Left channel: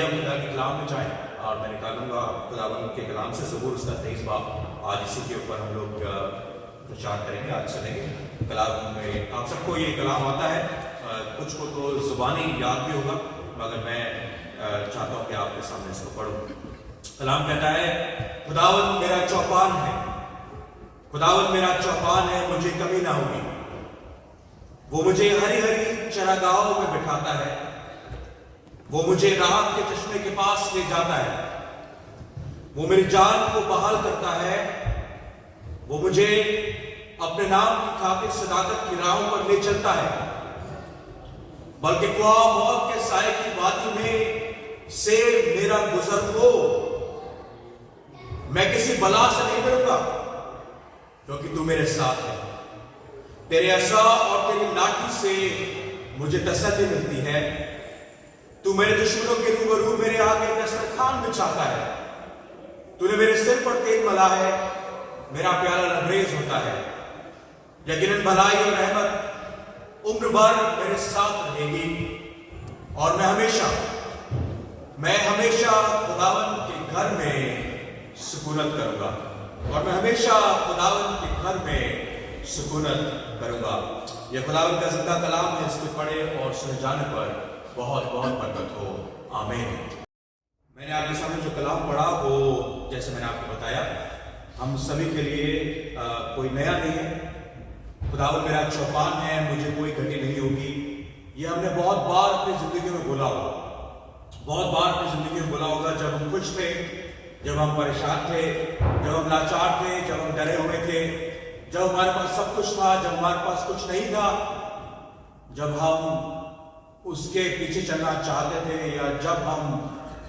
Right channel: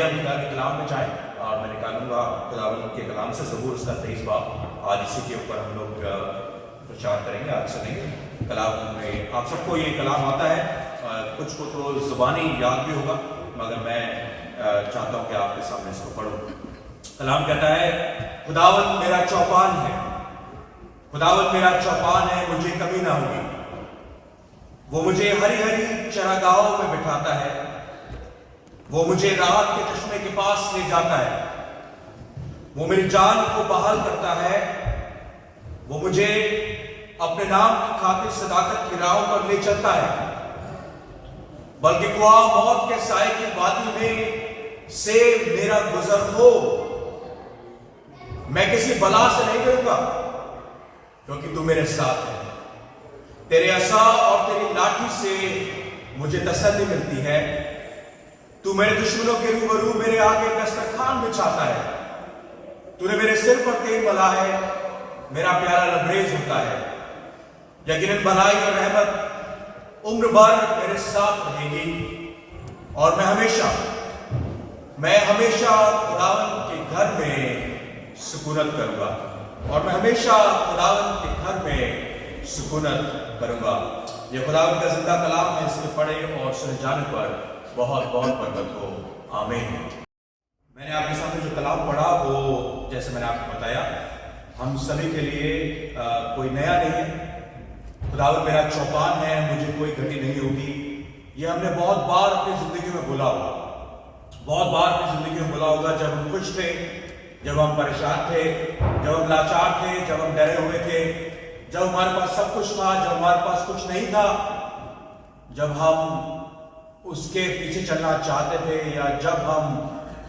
आइए हम खुदा के कलाम में जाएं और मैं निकालूंगा खुदावंद के कलाम से ज़बूर उसका 23 बाब। आज इसी के ऊपर हम लोग प्रचार करेंगे, आज सुनेंगे कलाम में। आप सबको ये कलाम आता है, कुछ को तो ज़ुबानी याद भी होगा, मगर मैं चाहता हूँ कि आपके सामने इसको पढ़ूं। कलाम कहता है, खुदावंद मेरा चौपान है, खुदावंद मेरा चौपान है, मुझे कमी ना होगी। वो मुझे हरी हरी चरागाहों में बिठाता है, वो मुझे राहत के चश्मे के पास ले जाता है, वो मेरी जान को बहाल करता है, वो मुझे अपने नाम की खातिर सदाकत की राहों पर ले चलता है। बल्कि ख्वाह मौत के साए की वादी में से मेरा गुजर हो, मैं किसी बला से नहीं डरूंगा, क्योंकि तू मेरे साथ है। तेरे असा और तेरी लाठी से मुझे तसल्ली मिलती है। तू मेरे दुश्मनों के रूबरू मेरे आगे दस्तरखान बिछाता है। तूने मेरे सिर पर तेल मला है, मेरा प्याला लबरेज होता है। यकीनन भलाई और रहमत उम्र भर मेरे साथ रहेगी, और मैं हमेशा खुदावंद के घर में सुकूनत करूंगा, और मैं हमेशा खुदावंद के घर में सुकूनत करूंगा। यह खुदावंद का जिंदा कलाम है, इसको पढ़े और सुने जाने पर बहुत बहुत बरकत हो। आमीन। मैंने आपके सामने जो कलाम पढ़ा वो, जैसे मैंने आपको बताया, हम सभी के लिए कोई नया नहीं है। खुदावंद मेरा चौपान है, मुझे कोई घटी नहीं होगी। ये हमने बहुत बार अपनी जिंदगी में बोला होगा, बहुत बार अपनी जिंदगी में बोला होगा। जब हम खुश थे, जब हम परेशान थे, जब हम लाचार थे, जब हम डरे हुए थे, जब हमारे पास सब कुछ था, जब हमारे पास कुछ नहीं था, जब हम उसके पीछे चलना चाहते थे, या जब हम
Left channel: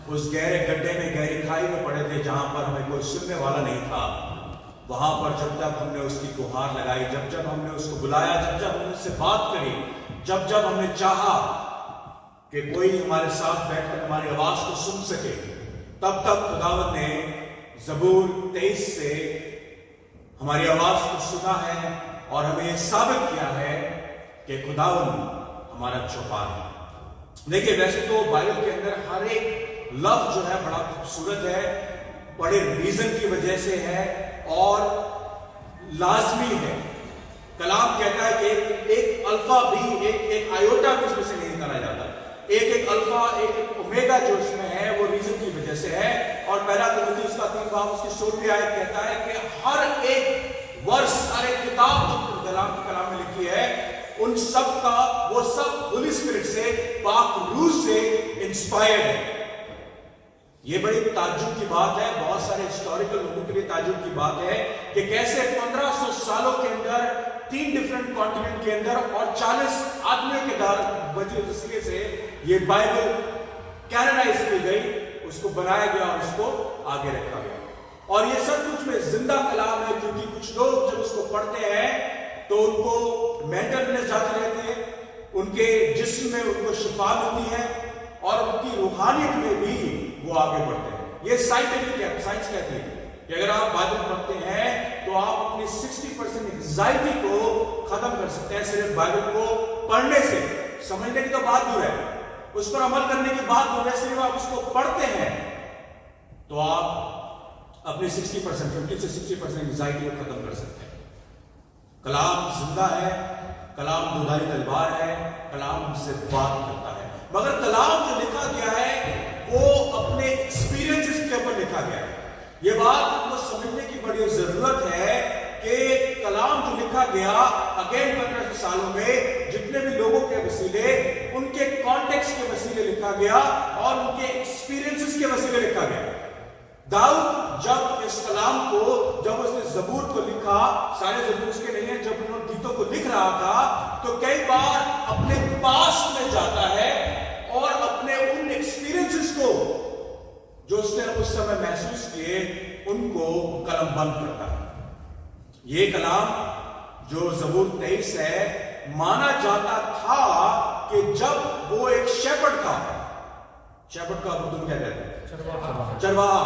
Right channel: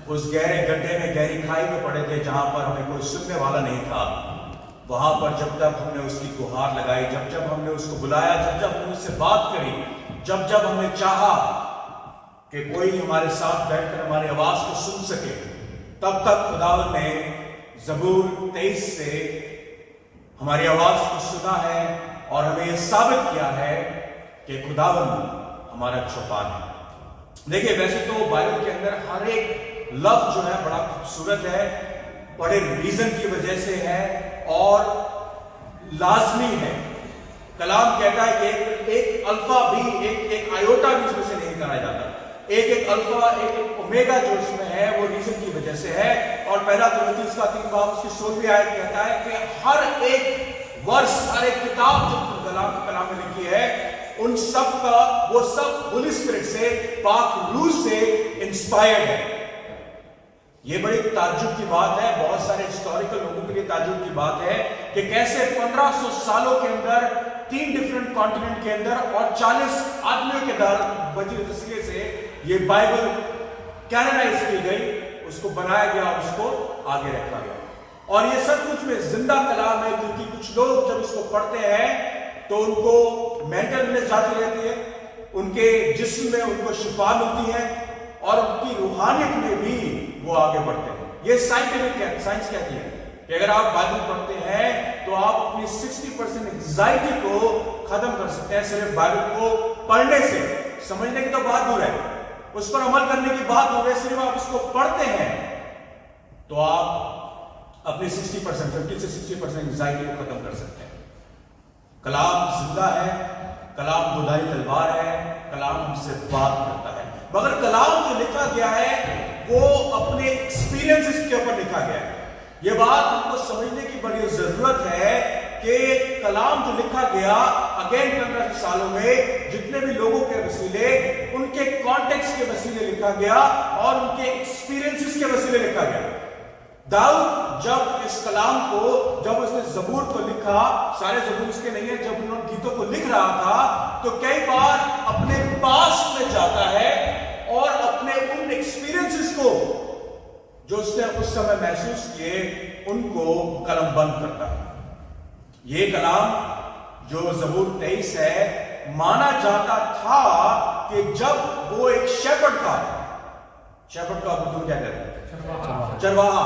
उस गहरे गड्ढे में, गहरी खाई में पड़े थे जहां पर हमें कोई सुनने वाला नहीं था, वहां पर जब हमने उसकी गुहार लगाई, जब हमने उसको बुलाया, जब हमने उससे बात करी, जब हमने चाहा कि कोई हमारे साथ बैठकर हमारी आवाज को सुन सके, तब खुदावंद ने ज़बूर 23 से हमारी आवाज को सुना है और हमें यह साबित किया है कि खुदावंद हमारा चौपान है। देखिए, वैसे तो बाइबल के अंदर हर एक लफ्ज जो है बड़ा खूबसूरत है, बड़े रीजन की वजह से है और लाजमी है। कलाम कहता है कि एक अल्फा भी, एक आयोटा भी इसमें से नहीं करा जाता। एक अल्फा, एक ओमेगा जो इसमें है वो रीजन की वजह से है। और पहला तिमोथी उसका 3 बाब उसकी 16वीं आयत कहता है कि हर एक वर्ष, हर एक किताब जो कलाम में लिखी है, उन सब का, वो सब होली स्पिरिट से, पाक रूह से इंस्पायर्ड है। ये बड़ी ताज्जुब की बात है, बहुत सारे हिस्टोरिकल लोगों के लिए ताज्जुब की बात है कि कैसे 1500 सालों के अंदर 3 डिफरेंट कॉन्टिनेंट के अंदर और 40 आदमियों के वजह से ये बाइबल कैनोनाइज की गई, उसको बनाया गया और उसको आगे रखा गया। और ये सब कुछ में जिंदा कलाम है, क्योंकि कुछ लोग जब उसको पढ़ते हैं तो उनको मेंटल इलनेस जाती रहती है, उनके जिस्म में उनको शिफा मिलती है, और उनकी रूहानियत में भी वो आगे बढ़ते हैं। ये साइंटिफिक है, साइंस कहती है कि अगर आप बाइबल पढ़ते हैं तो आप अपनी 60% एंजाइटी को खत्म कर सकते हैं सिर्फ बाइबल को पढ़ने से। समझने की तो बात दूर है, उस पर अमल करने की बात दूर है। सिर्फ आप उसको पढ़ते हैं तो आप अपनी 60%, 50 से 60% एंजाइटी को खत्म कर सकते हैं। कलाम जिंदा है, कलाम दुधारी तलवार है, कलाम हमसे बात करता है। मगर कलाम जो लिखा गया है वो अपने एक्सपीरियंसेस के ऊपर लिखा गया है। ये बात हमको समझने की बड़ी जरूरत है कि कलाम जो लिखा गया अगेन 15 सालों में जितने भी लोगों के वसीले, उनके कॉन्टेक्स्ट के वसीले लिखा गया और उनके एक्सपीरियंसेस के वसीले लिखा गया। दाऊद जब इस कलाम को, जब उसने ज़बूर को लिखा, सारे ज़बूर उसके नहीं है, जब उन्होंने गीतों को लिख रहा था तो कई बार अपने पास में जाता है और अपने उन एक्सपीरियंसेस को जो उसने उस समय महसूस किए उनको कलम बंद करता है। ये कलाम जो ज़बूर 23 है, माना जाता था कि जब वो एक शेपर्ड था, शेपर्ड का तुम क्या कहते हैं, चरवाहा,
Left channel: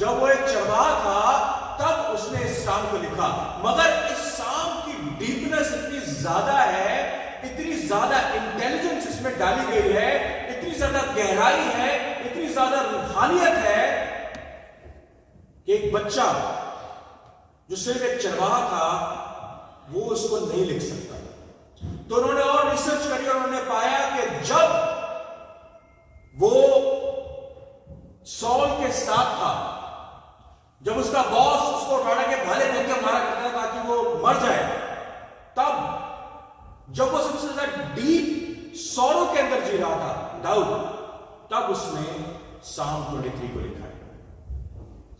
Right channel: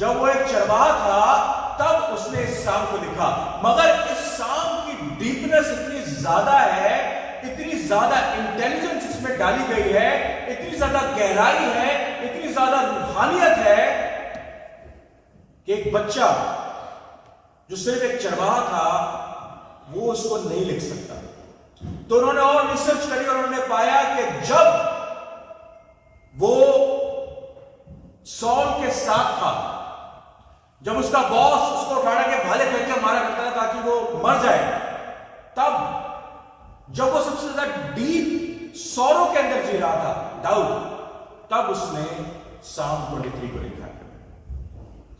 जब वो एक चरवाहा था तब उसने इस साम को लिखा। मगर इस साम की डीपनेस इतनी ज्यादा है, इतनी ज्यादा इंटेलिजेंस इसमें डाली गई है, इतनी ज्यादा गहराई है, इतनी कि एक बच्चा जो सिर्फ एक चरवाहा था वो उसको नहीं लिख सकता। तो उन्होंने और रिसर्च करी और उन्होंने पाया कि जब वो सॉल के साथ था, जब उसका बॉस उसको उठाने के भाले फेंक के मारा करता था ताकि वो मर जाए, तब जब वो सबसे ज्यादा डीप सौरों के अंदर जी रहा था दाऊद, तब उसने साम 23 को लिखा है।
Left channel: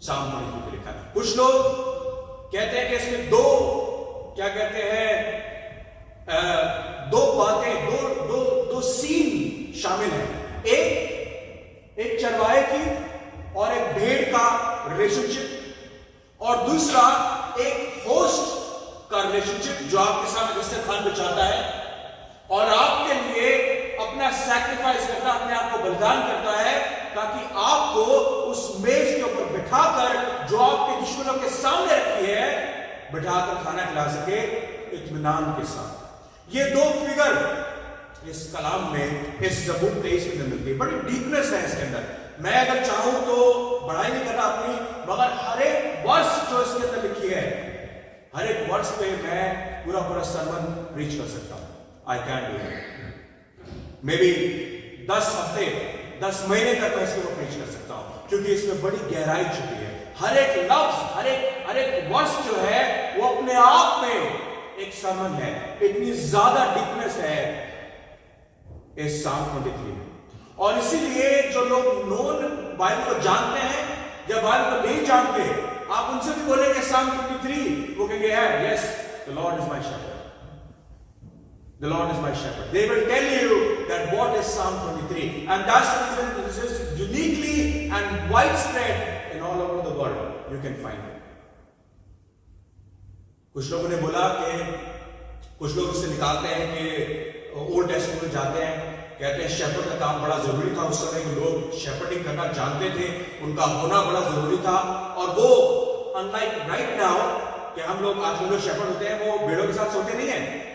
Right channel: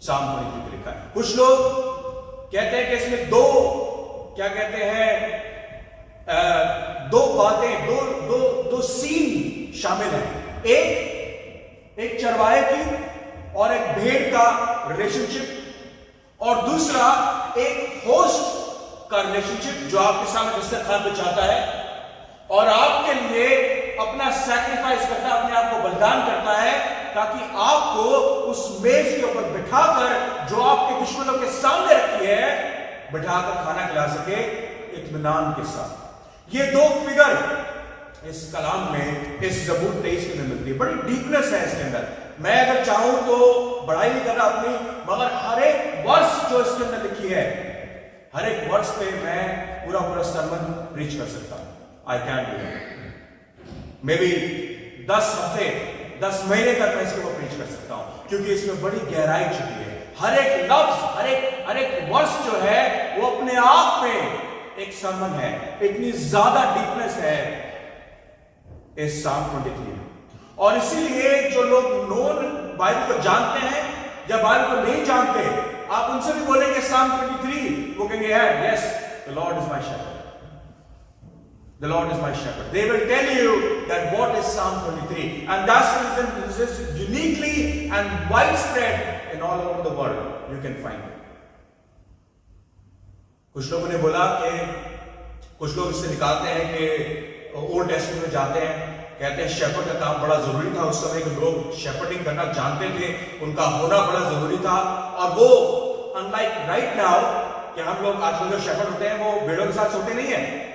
साम 23 को लिखा है। कुछ लोग कहते हैं कि इसमें दो क्या कहते हैं दो बातें, दो सीन शामिल हैं। एक चरवाहे की और एक भेड़ का रिलेशनशिप, और दूसरा एक होस्ट का रिलेशनशिप जो आपके सामने दस्तरखान पे चाहता है और आपके लिए अपना सैक्रिफाइस करता है, अपने आप को बलिदान करता है ताकि आपको उस मेज के ऊपर बिठाकर जो आपके दुश्मनों के सामने रखी है बिठाकर खाना खिला सके इत्मीनान के साथ। ये दो फिगर इस कलाम में, इस ज़बूर 23 के अंदर मिलती है। बड़ी डीपनेस है इसके अंदर। मैं अगर चाहूं तो बढ़ाई नहीं करना अपनी, मगर हर एक वर्स जो इसके अंदर लिखी है, हर एक वर्स पे मैं पूरा सरमन प्रीच कर सकता हूं। I can do it. May be 10 हफ्ते 10 महीने तक मैं इसके ऊपर प्रीच कर सकता हूं, क्योंकि इसमें बड़ी गहराई छुपी है। हर एक लफ्ज, हर एक वर्स जो है वो अपने आप में एक सरमन है। इतनी ज्यादा डीपनेस है इस साम 23 में। और इसीलिए जो लोग नॉन बाइबल को जानते हैं या बाइबल को नहीं जानते, आप उनसे भी बोलेंगे साम 23, वो कहेंगे yes, the Lord is my shepherd, the Lord is my shepherd. They will tell you that what is Psalm 23, and that's the reason this is uniquely and widespread in all over the world. You can find it. कुछ लोगों ने बोला कि कुछ लोग इससे निकालते हैं कि ओल्ड टेस्टमेंट में जाते हैं, कहते हैं शेपर्ड का काम बड़ा जरूरी था। उस समय के लोग शेपर्डिंग करना जानते थे, उनका होना बड़ा जरूरी था। और वो अनलाइक राइट नाउ कि हम लोग आजकल जो शेपर्ड होते हैं वो भेड़ों के साथ सोते नहीं है।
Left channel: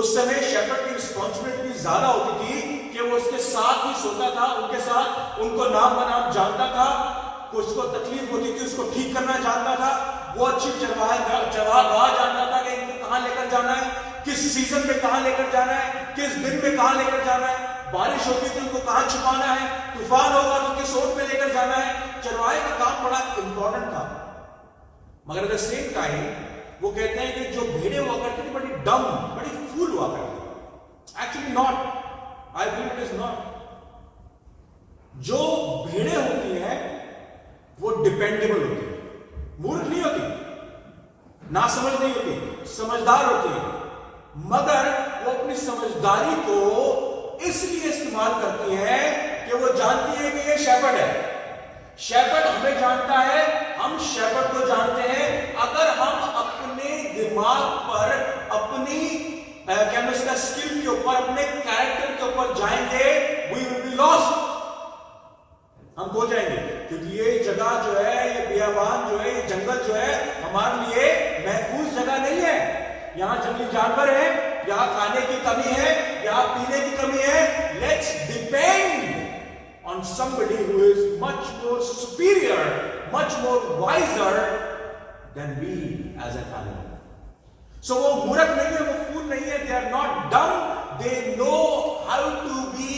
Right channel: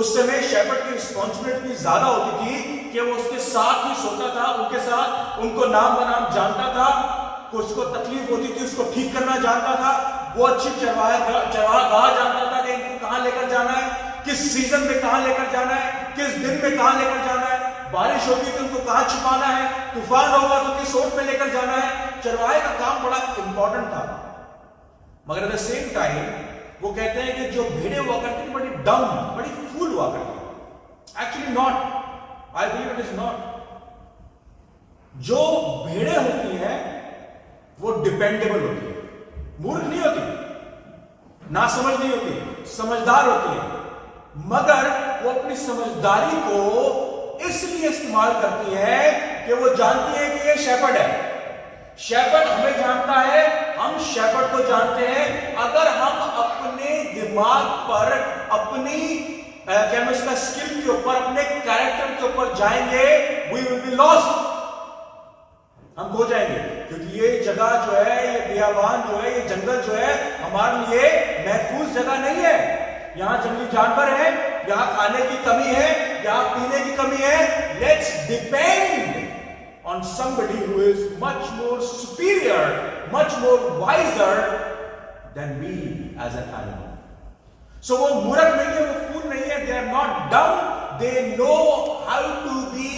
उस समय शेपर्ड की रिस्पॉन्सिबिलिटी ज्यादा होती थी कि वो उसके साथ ही सोता था, उनके साथ, उनको नाम बनाम जानता था, कुछ को तकलीफ होती थी उसको ठीक करना जानता था, वो अच्छी चरवाहा जानता था कि इनको कहां लेकर जाना है, किस सीजन में कहां लेकर जाना है, किस दिन में कहां लेकर जाना है, बारिश होगी तो इनको कहां छिपाना है, तूफान होगा तो किस ओट में लेकर जाना है। चरवाहे का काम बड़ा इंपॉर्टेंट था। मगर एट द सेम टाइम वो कहते हैं कि जो भेड़े हुआ करती थी बड़ी डम, बड़ी फूल हुआ करती। Actually not, I believe it is not. जो भेड़े होती हैं वो डिपेंडेबल होती है, मूर्ख नहीं होती, ना समझ नहीं होती, समझदार होती है। मगर वो अपनी समझदारी को इसलिए इस्तेमाल करती है कि वो जानती है कि ये शेपर्ड है। शेपर्ड हमें जानता है, हम शेपर्ड को जानते हैं। अगर हम अपने दिमाग पर, अपनी क्या स्किल के ऊपर, अपने कैरेक्टर के ऊपर जाएंगे, वी विल बी लॉस्ट, हम खो जाएंगे। क्योंकि ये जगह जो है, ये बियाबान जो है, ये जंगल जो है हमारे लिए महफूज जगह नहीं है। यहां जंगली जानवर है, यहां खाने की कमी है, यहां पीने की कमी है। Let's depend on somebody who is much more superior, much more wiser than we as an animal. So वो मूर्ख नहीं है, वो फूल नहीं है, they are not dumb, they know how to be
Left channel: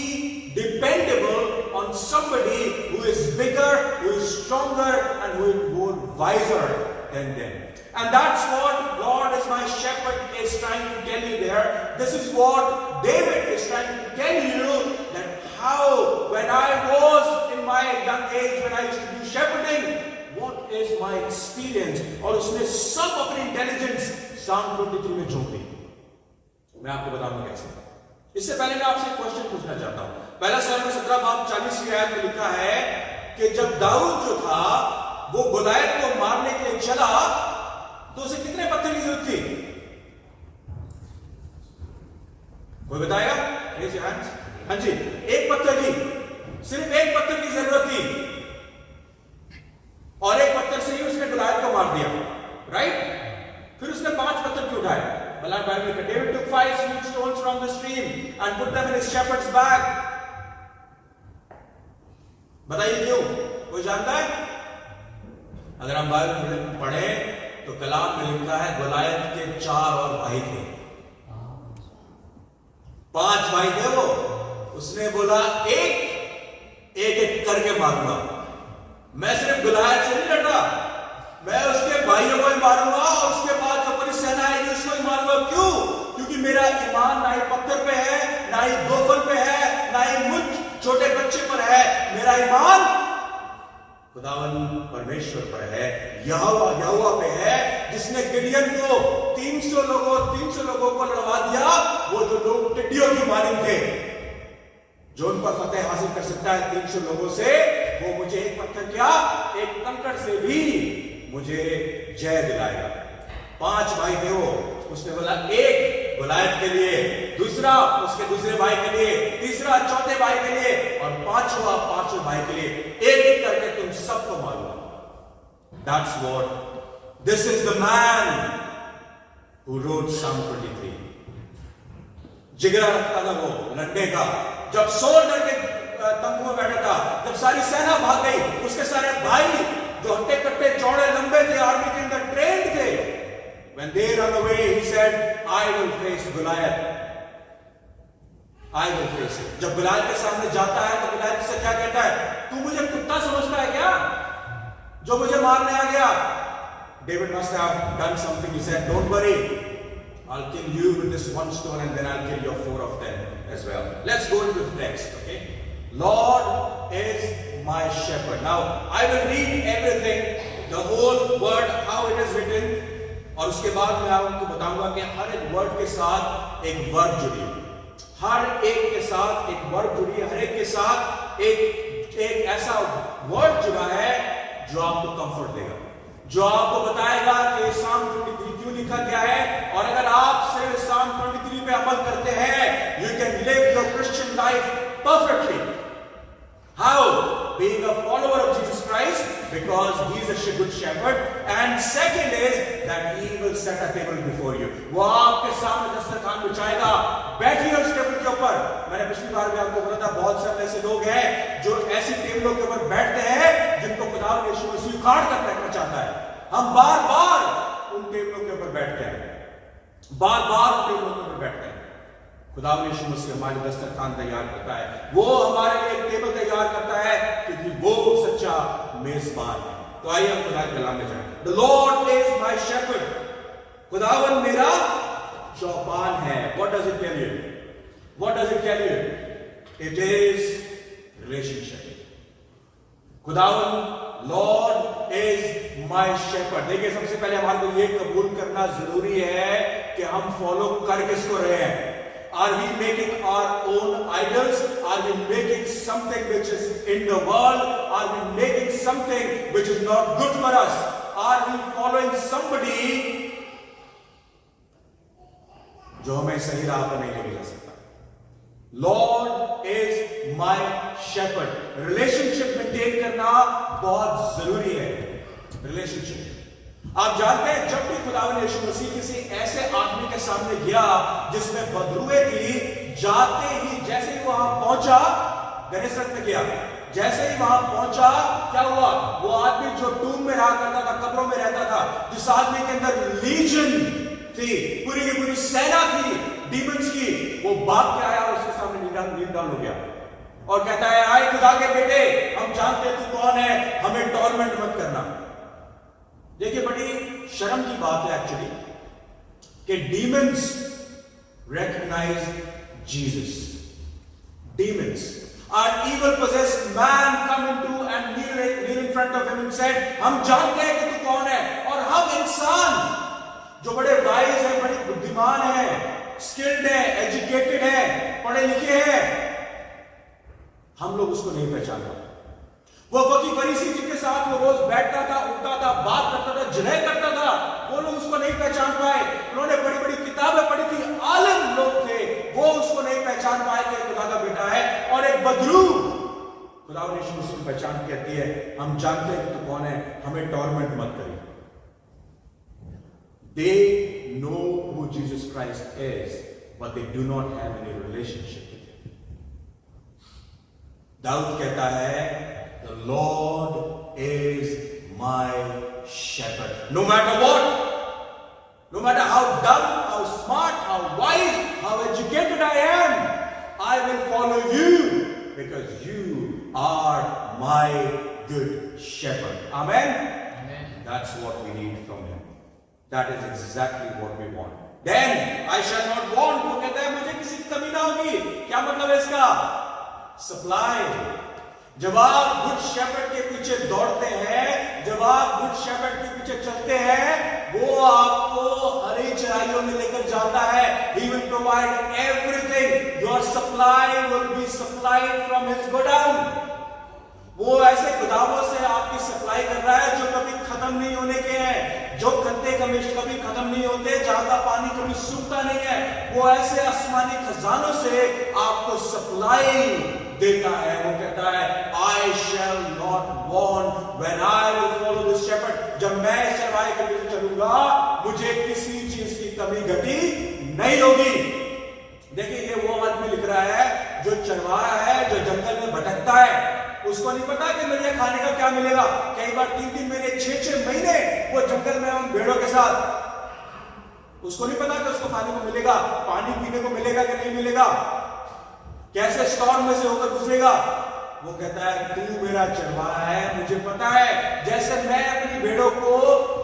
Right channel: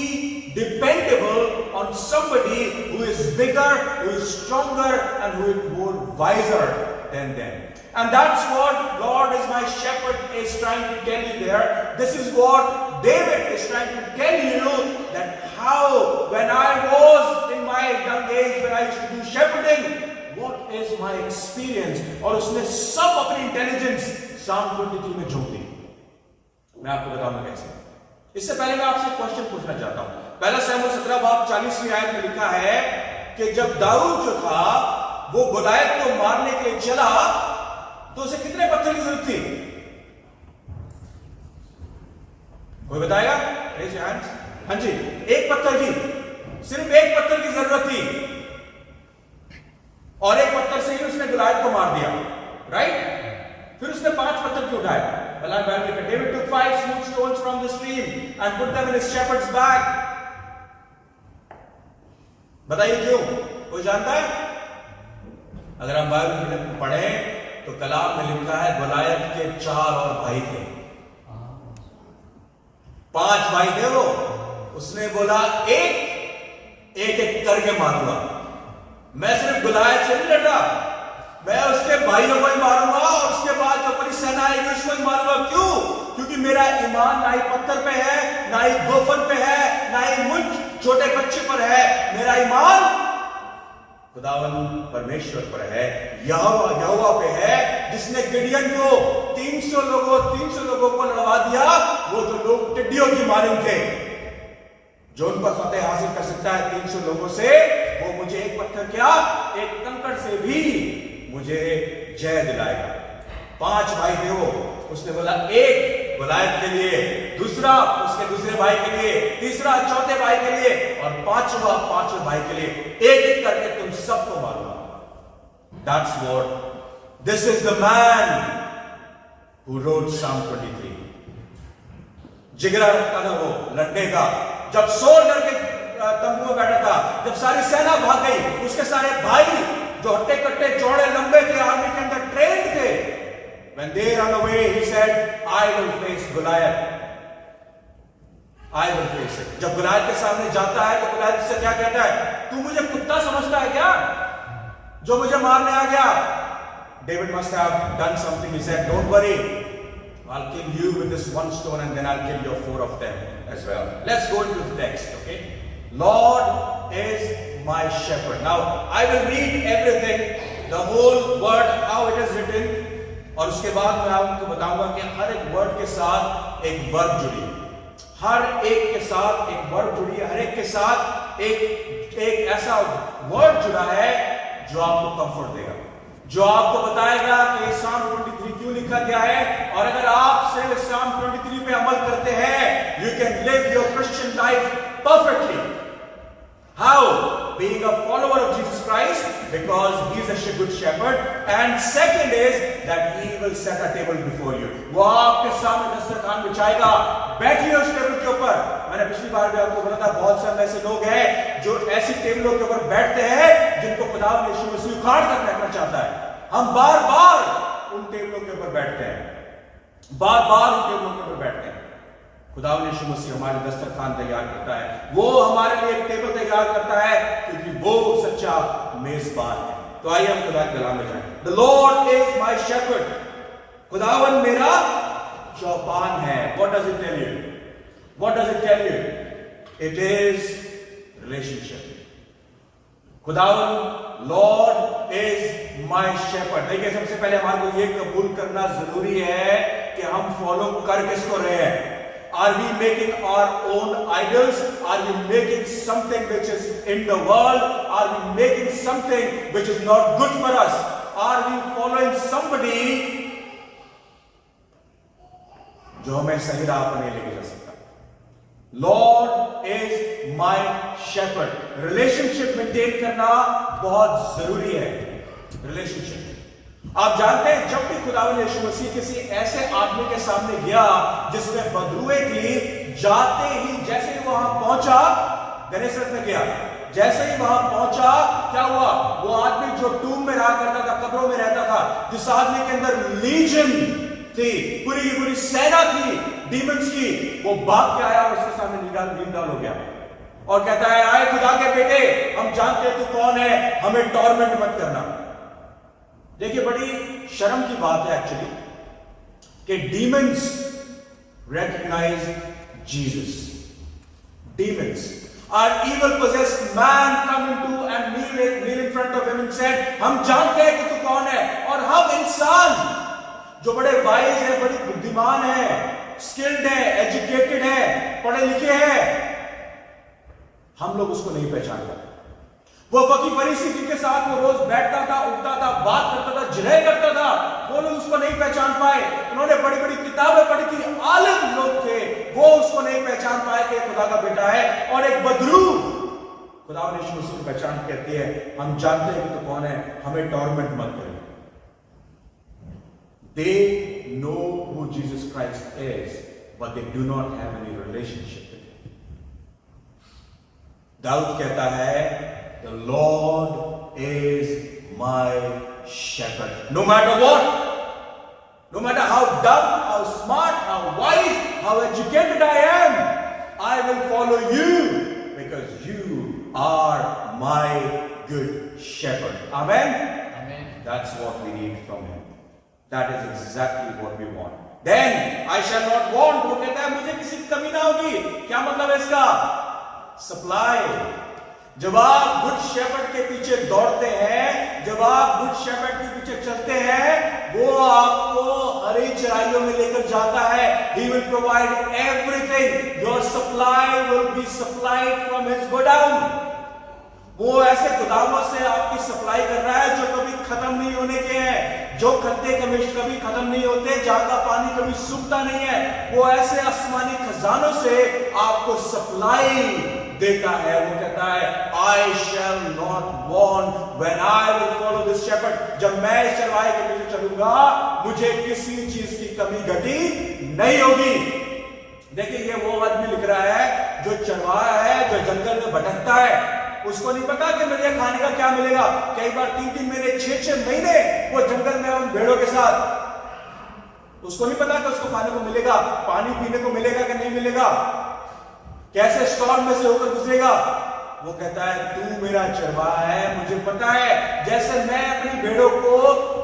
dependable on somebody who is bigger, who is stronger, and who is more wiser than them. And that's what Lord is my shepherd is trying to tell you there. This is what David is trying to tell you, that how when I was in my young age, when I used to do shepherding, what is my experience? और उसने सब अपनी intelligence Psalm 23 में झोंक दी। मैं आपको बताऊंगा कैसे। इससे पहले मैं आपसे एक क्वेश्चन पूछना चाहता हूं। पहला शमूएल 17 बाब 40वीं आयत में लिखा है कि जब दाऊद जो था वो गोलायत को मारने के लिए चला तो उसे कितने पत्थर की जरूरत थी? कोई बताएगा? Raise your hands. हाँ जी, एक पत्थर की, सिर्फ एक पत्थर की जरूरत थी, और एक पत्थर से ही उसने गोलायत को मार दिया, राइट? फिर उसने 5 पत्थर क्यों उठाए? David took 5 smooth stones from the stream and put them in his shepherd's bag. बताइए क्यों? कोई जानता है? अगर हम बाइबल में पढ़े तो कलाम में लिखा है गोलायत के 4 और भाई थे, 5 भाई थे वो। उसने बोला एक एक करके मारूंगा, मैं सिर्फ गोलायत से नहीं डटा, मैं उसके भाइयों को ही मारूंगा और उसके बाद जो बड़ी सेना आएगी उसको ही मारूंगा। क्यों? क्योंकि मेरा ईमान ना ही पत्थर पे है, ना ही गोफन पे है, ना ही मुझ छोटे बच्चे पर है। मेरा ईमान खुदावन परमेश्वर पर है, यहोवा पे है, जिसने गिडियन को 300 लोगों को लड़वा दिया। वो जो लोग टिड्डियों की मालिक थे, जो उन पर फतेह हासिल कर सकता है 300 लोगों से, वो मुझे एक पत्थर क्या, एक कंकड़ से भी मुझे जय दिलाएगा। 5 भाई थे वो। उसने बोला एक गोलायत के लिए, दूसरा उसके दूसरे भाई के लिए, तीसरा चौथे भाई के लिए, और पांचवें भाई के लिए एक एक करके तुम सबको मारूंगा। That's what, this is the man who wrote Psalm 23. जिगरा रखता था वो लड़ने का। जब सोल डर के तंबू में बैठा था, जब सारी सेना भाग गई, उसके सारे भाई जो हट्टे कट्टे चौड़े लंबे थे, आर्मी के अंदर ट्रेंड थे, when they run away, he said, I will face Goliath. I will face it. जब गुलायत के सामने जाता है तो गुलायत से क्या कहता है? तू मुझे कुत्ता समझता है क्या, जो मुझे मारने आ गया? David must have done something. He said, don't worry, I'll kill you with this one stone and then I'll kill your 4 of them as well. Let's go into the text, okay? Lord is my shepherd. Now, I will read everything, the whole word, how it is written, और उसके बाद मैं आपको बताऊंगा कि हर एक word के साथ एक वर्ब जुड़ी है, हर एक के साथ एक वर्ब जुड़ी है, हर एक के साथ एक ऐसा वर्ड जुड़ा है जो आपको कंफर्ट देगा, जो आपको बताएगा कि Psalm 23 क्यों लिखा गया है। और अगर आप सिर्फ Psalm 23 पे अमल करते हैं, you can live your Christian life perfectly. How? Being a follower of Jesus Christ, because he is a good shepherd, and second is that he will set a table before you. वो आपके सामने दस्तरखान बिछाएगा, बैठिए उस table के ऊपर। मैंने पिछली बार भी आपको बताया था, बहुत से ऐसे लोग हैं जो ऐसी टेबलों के ऊपर बैठते हैं जिनको खुदा यीशु मसीह उखाड़ कर रखना चाहता है। हम बार बार उन टेबलों के ऊपर बैठते हैं, बार बार उन टेबलों के ऊपर बैठते हैं। खुदा यीशु मसीह हमारे दस्तरखान तैयार करता है, वो हमारे लिए एक टेबल तैयार करता है, क्योंकि वो सच्चा मेजबान है। तो आइए हम खुदा के कलाम में जाएं। The Lord is my shepherd. खुदावन मेरा चौपान है। What does it tell you? What does it tell you? It is relationship. खुदावन Lord is my shepherd. देखिए, सबसे पहले हमारे को ये कबूल करना जरूरी है कि हम फॉलो कर किसको रहे हैं। Are we making our own idols? Are we making something which is in the world? Are we making something which is not good for us? Are we following somebody जो हमें सही राह पर नहीं लेके जा सकता? Lord is my shepherd. Relationship maintain करना बहुत जरूरी है। रिलेशनशिप, आप जानते हैं, जब भी खुदावंद यीशु मसीह किसी ऐसे आदमी के सामने गया जिसमें बदरुए थी, जाते ही जैसे ही वहां पहुंचा, गनेसरत में गया, जैसे ही वहां पहुंचा क्या हुआ? वो आदमी जो टूम में रहा करता था, कब्रों में रहता था, जिस आदमी के अंदर लीजन थी, पूरी की पूरी सेना थी डीमंस की, वो भाग के आया और उसके सामने नीलाम हो गया और कहता है, आए खुदा के बेटे, हम जानते हैं तू कौन है, हमें टॉर्मेंट मत करना। देखिए, बड़ी शर्म की बात है एक्चुअली कि demons recognize Jesus. Demons, our evil possessed man come into and kneel in front of him and said, हम जानते हैं कि तू कौन है। और हम इंसान जो बड़े वाइज है, बड़ी बुद्धिमान है, स्किल्ड है, एजुकेटेड है, पढ़े लिखे हैं, हम लोग उसको नहीं पहचान पाते। वो फकीर फरीसी जिनके साथ वो रोज बैठता था, उठता था, बात करता था, जिरह करता था, वो लोग उसको नहीं पहचान पाए। उन्होंने बड़ी बड़ी किताबें पढ़ी थी, आलिम लोग थे, वो उसको नहीं पहचान पाए कि खुदा का बेटा है। और एक बदरू खुदा ने यीशु मसीह की पहचान कहती है, हम जानते हैं कि तू कौन है, हमें टॉर्मेंट मत करिए। They know who Jesus Christ is, but they do not have any relationship with him. Dawood कहता है, The Lord is my shepherd. No matter what, no matter how dumb, how smart, how wise, how educated I am, I will follow you because you are my good shepherd. Amen? Amen. That's what we need from him. That is exactly what we want. Then I shall not want. वो कहता है मुझे किसी की कमी ना होगी. क्या मतलब है इसका? सप्लाई. जब आप गुड शेपर्ड के पीछे दौड़ते हैं, जब आप गुड शेपर्ड के पीछे चलते हैं, वो आपको हरी चराइयों में लेकर जाता है. He will provide everything. Your supply will be supplied from his godown. वो ऐसे गोदामों से आपकी सप्लाई कर रहा है जो कभी खत्म नहीं होने के हैं, जो खत्ते कभी खत्म नहीं होते, जहां का पानी कभी सूखता नहीं है. वो ऐसे आसमानी खजानों से आपको सप्लाई देता है. वो कहता है I shall not want when I will follow this shepherd. जब मैं इस चरवाहे के पीछे चलूंगा, मुझे किसी चीज की कमी घटी नहीं होगी. देखिए ये वो आदमी लिख रहा है जो चरवाहा है, जो जंगल में भटकता है. उसको नहीं पता कि मुझे खाने का क्या मिलेगा. कई बार 3-3 महीने 6-6 महीने वो जंगल में उन भेड़ों के साथ, उसको नहीं पता कि उसको खाने को मिलेगा, पानी पीने को मिलेगा कि नहीं मिलेगा, कैसे स्टॉर्म में से होकर गुजरेगा. वो कहता है तू मेरा चरवाहा है, मुझे पता है जैसे मैं अपनी भेड़ों को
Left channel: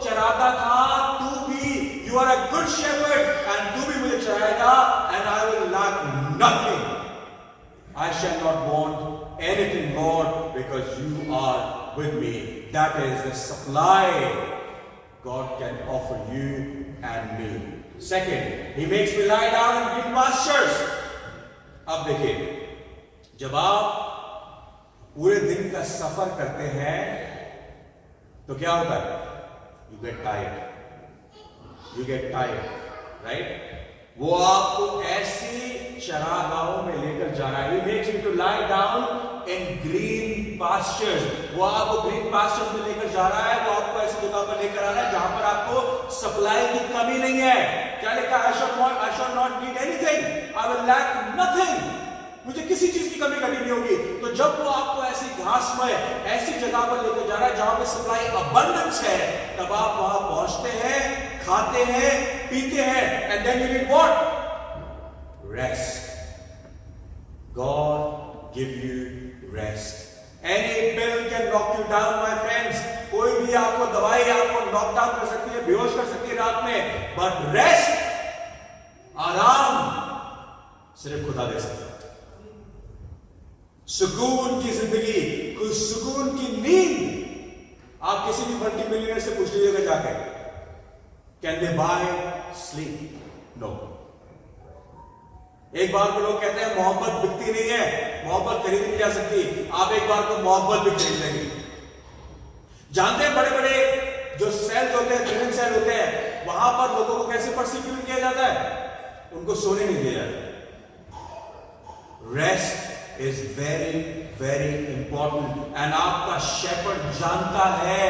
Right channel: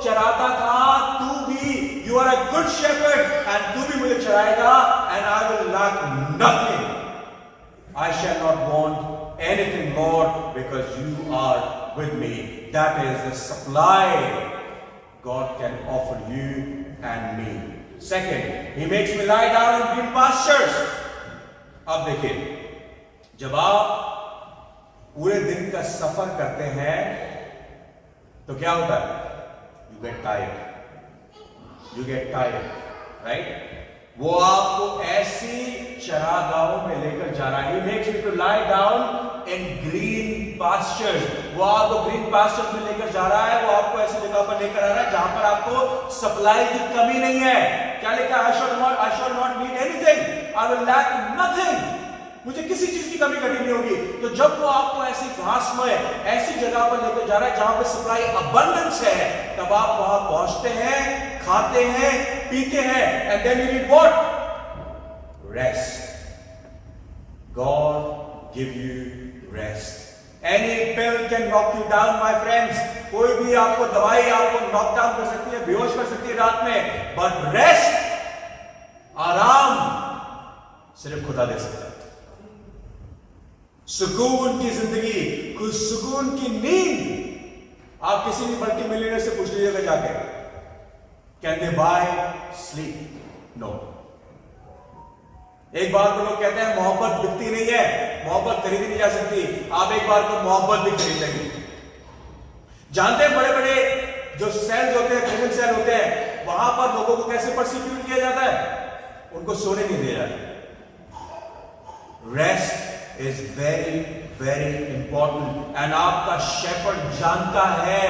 चराता था, तू भी, you are a good shepherd and तू भी मुझे चराएगा. And I will lack nothing. I shall not want anything more because you are with me. That is the supply God can offer you and me. Second, he makes me lie down in green pastures. अब देखिए, जब आप पूरे दिन का सफर करते हैं तो क्या होता है? You get tired. You get tired, right? वो आपको ऐसी चरागाहों में लेकर जा रहा है. He makes me to lie down in green pastures. वो आपको green pastures में लेकर जा रहा है. वो आपको ऐसी जगह पर लेकर आ रहा है जहां पर आपको सप्लाई की कमी नहीं है. क्या लिखा? I shall not need anything. I will lack nothing. मुझे किसी चीज की कमी घटी नहीं होगी. तो जब वो आपको ऐसी घास में ऐसी जगह पर लेकर जा रहा है जहां पे सप्लाई अबंडेंस है, तब आप वहां पहुंचते हैं, खाते हैं, पीते हैं. And then you need what? Rest. God give you rest. Any pill can knock you down my friends. कोई भी आपको दवाई आपको नॉक डाउन कर सकती है, बेहोश कर सकती है रात में, बट रेस्ट, आराम सिर्फ खुदा दे सकता है. सुकून की जिंदगी, कुछ सुकून की नींद. आप किसी भी मल्टी मिलियनर से पूछ लीजिएगा जाके, can they buy sleep? No. एक बार को लोग कहते हैं मोहब्बत बिकती नहीं है, मोहब्बत खरीदी नहीं जा सकती. आप एक बार को मोहब्बत भी खरीद लेंगे. जानते हैं बड़े बड़े जो सेल्स होते हैं, प्रिजन सेल होते हैं, वहां पर लोगों को कैसे परसिक्यूट किया जाता है? उनको सोने नहीं दिया जाता. Rest is very very important. and आपका शेपर्ड जानता है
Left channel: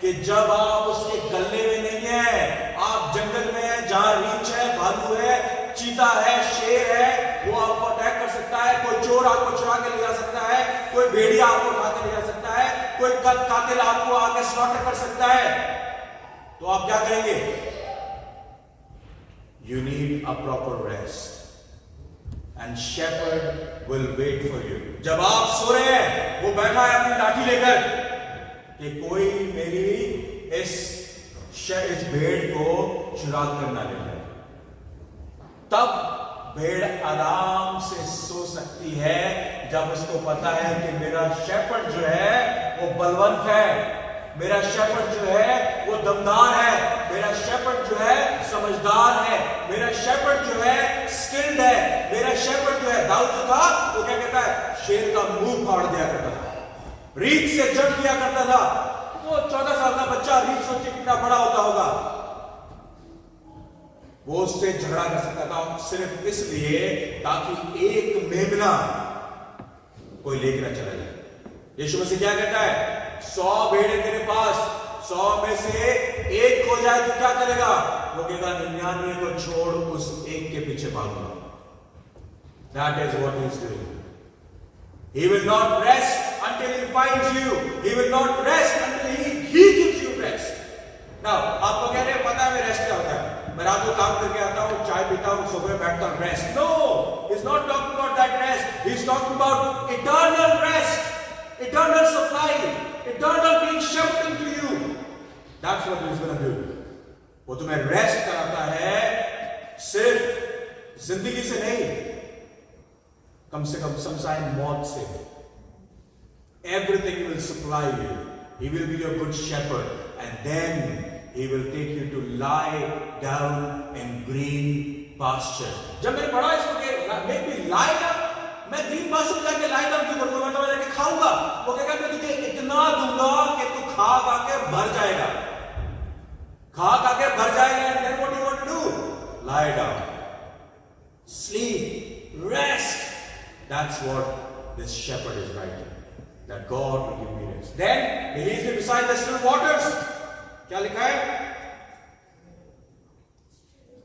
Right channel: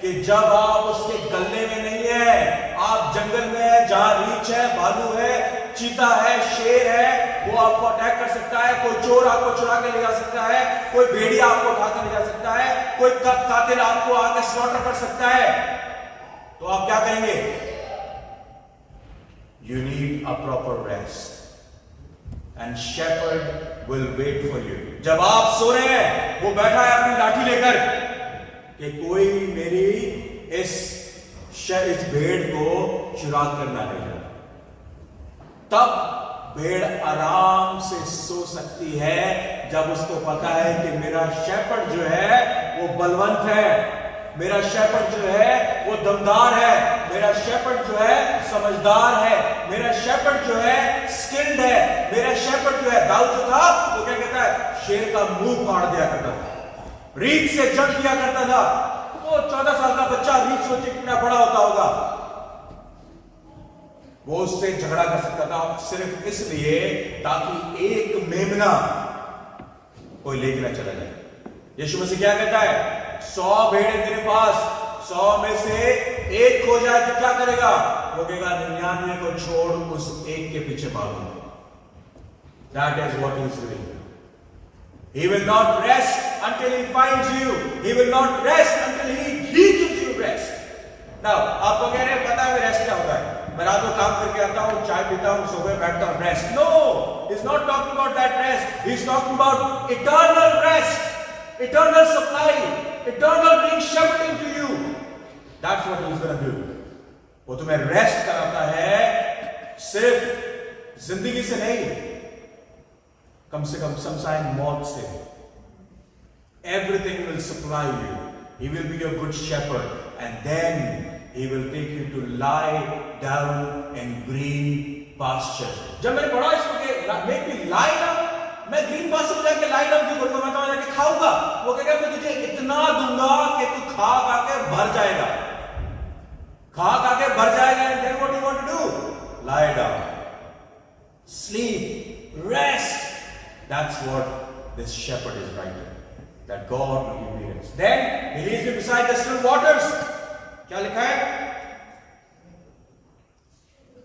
कि जब आप उसके गले में नहीं है, आप जंगल में है जहां रीछ है, भालू है, चीता है, शेर है, वो आपको अटैक कर सकता है. कोई चोर आपको चुरा के ले जा सकता है, कोई भेड़िया आपको उठा के ले जा सकता है, कोई कातिल आपको आके स्लॉटर कर सकता है. तो आप क्या करेंगे? You need a proper rest. And shepherd will wait for you. जब आप सो रहे हैं, वो बैठा है अपनी लाठी लेकर कि कोई मेरी इस भेड़ को चुरा कर ना ले जाए. तब भेड़ आराम से सो सकती है जब उसको पता है कि मेरा शेपर्ड जो है वो बलवंत है, मेरा शेपर्ड जो है वो दमदार है, मेरा शेपर्ड जो है समझदार है, मेरा शेपर्ड जो है स्किल्ड है, मेरा शेपर्ड जो है, दाऊद जो था वो क्या कहता है? शेर का मुंह फाड़ दिया करता था, रीछ से जड़ दिया करता था. वो 14 साल का बच्चा, रीछ सोचे कितना बड़ा होता होगा, वो उससे झगड़ा कर सकता था सिर्फ इसलिए ताकि एक मेमना कोई लेके ना चला जाए. यीशु मसीह क्या कहता है? 100 भेड़ें तेरे पास, 100 में से एक खो जाए तो क्या करेगा? वो कहेगा 99 को छोड़ उस एक के पीछे भागूंगा. That is what he is doing. He will not rest until he finds you. He will not rest until he gives you rest. Now, आपको कह रहे हैं पता है रेस्ट क्या होता है? मैं रात को काम करके आता हूँ, चाय पीता हूँ, सोफे बैठता हूँ, rest. No, he's not talking about that rest. He's talking about eternal rest, eternal supply, eternal being shepherding to you. That's what he's going to do. वो तुम्हें रेस्ट कराता है, सिर्फ जिंदगी से नहीं, कम से कम शमशान मौत से. Everything will supply you. He will be your good shepherd, and then He will take you to lie down in green pasture. जब मैंने पढ़ा इसको कि make me lie down, मैं green pasture में जाके lie down क्यों करूँगा? मैं तो जाके खाऊंगा. वो कहेगा मैं तुझे इतना दूंगा कि तू खा के भर जाएगा. खा के भर जाएगा. And then what do you want to do? Lie down, sleep, rest. That's what this shepherd is writing. That God will give me rest. Then He leads me beside the still waters. क्या लिखा है?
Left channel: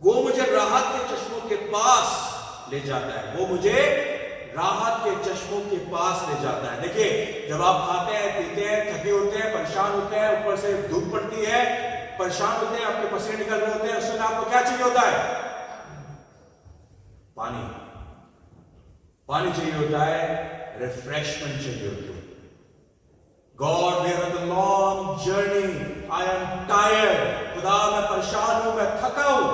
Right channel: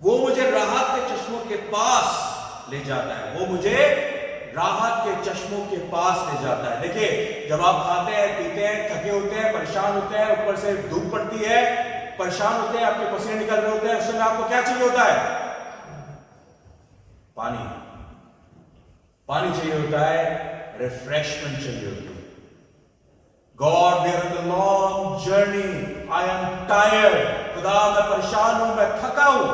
वो मुझे राहत के चश्मों के पास ले जाता है. वो मुझे राहत के चश्मों के पास ले जाता है. देखिए, जब आप खाते हैं, पीते हैं, थके होते हैं, परेशान होते हैं, ऊपर से धूप पड़ती है, परेशान होते हैं, अपने पसीने निकल रहे होते हैं, उस समय आपको क्या चाहिए होता है? पानी. पानी चाहिए होता है, रिफ्रेशमेंट चाहिए होती है. God, we are on the long journey. I am tired. खुदा मैं परेशान हूं, मैं थका हूं.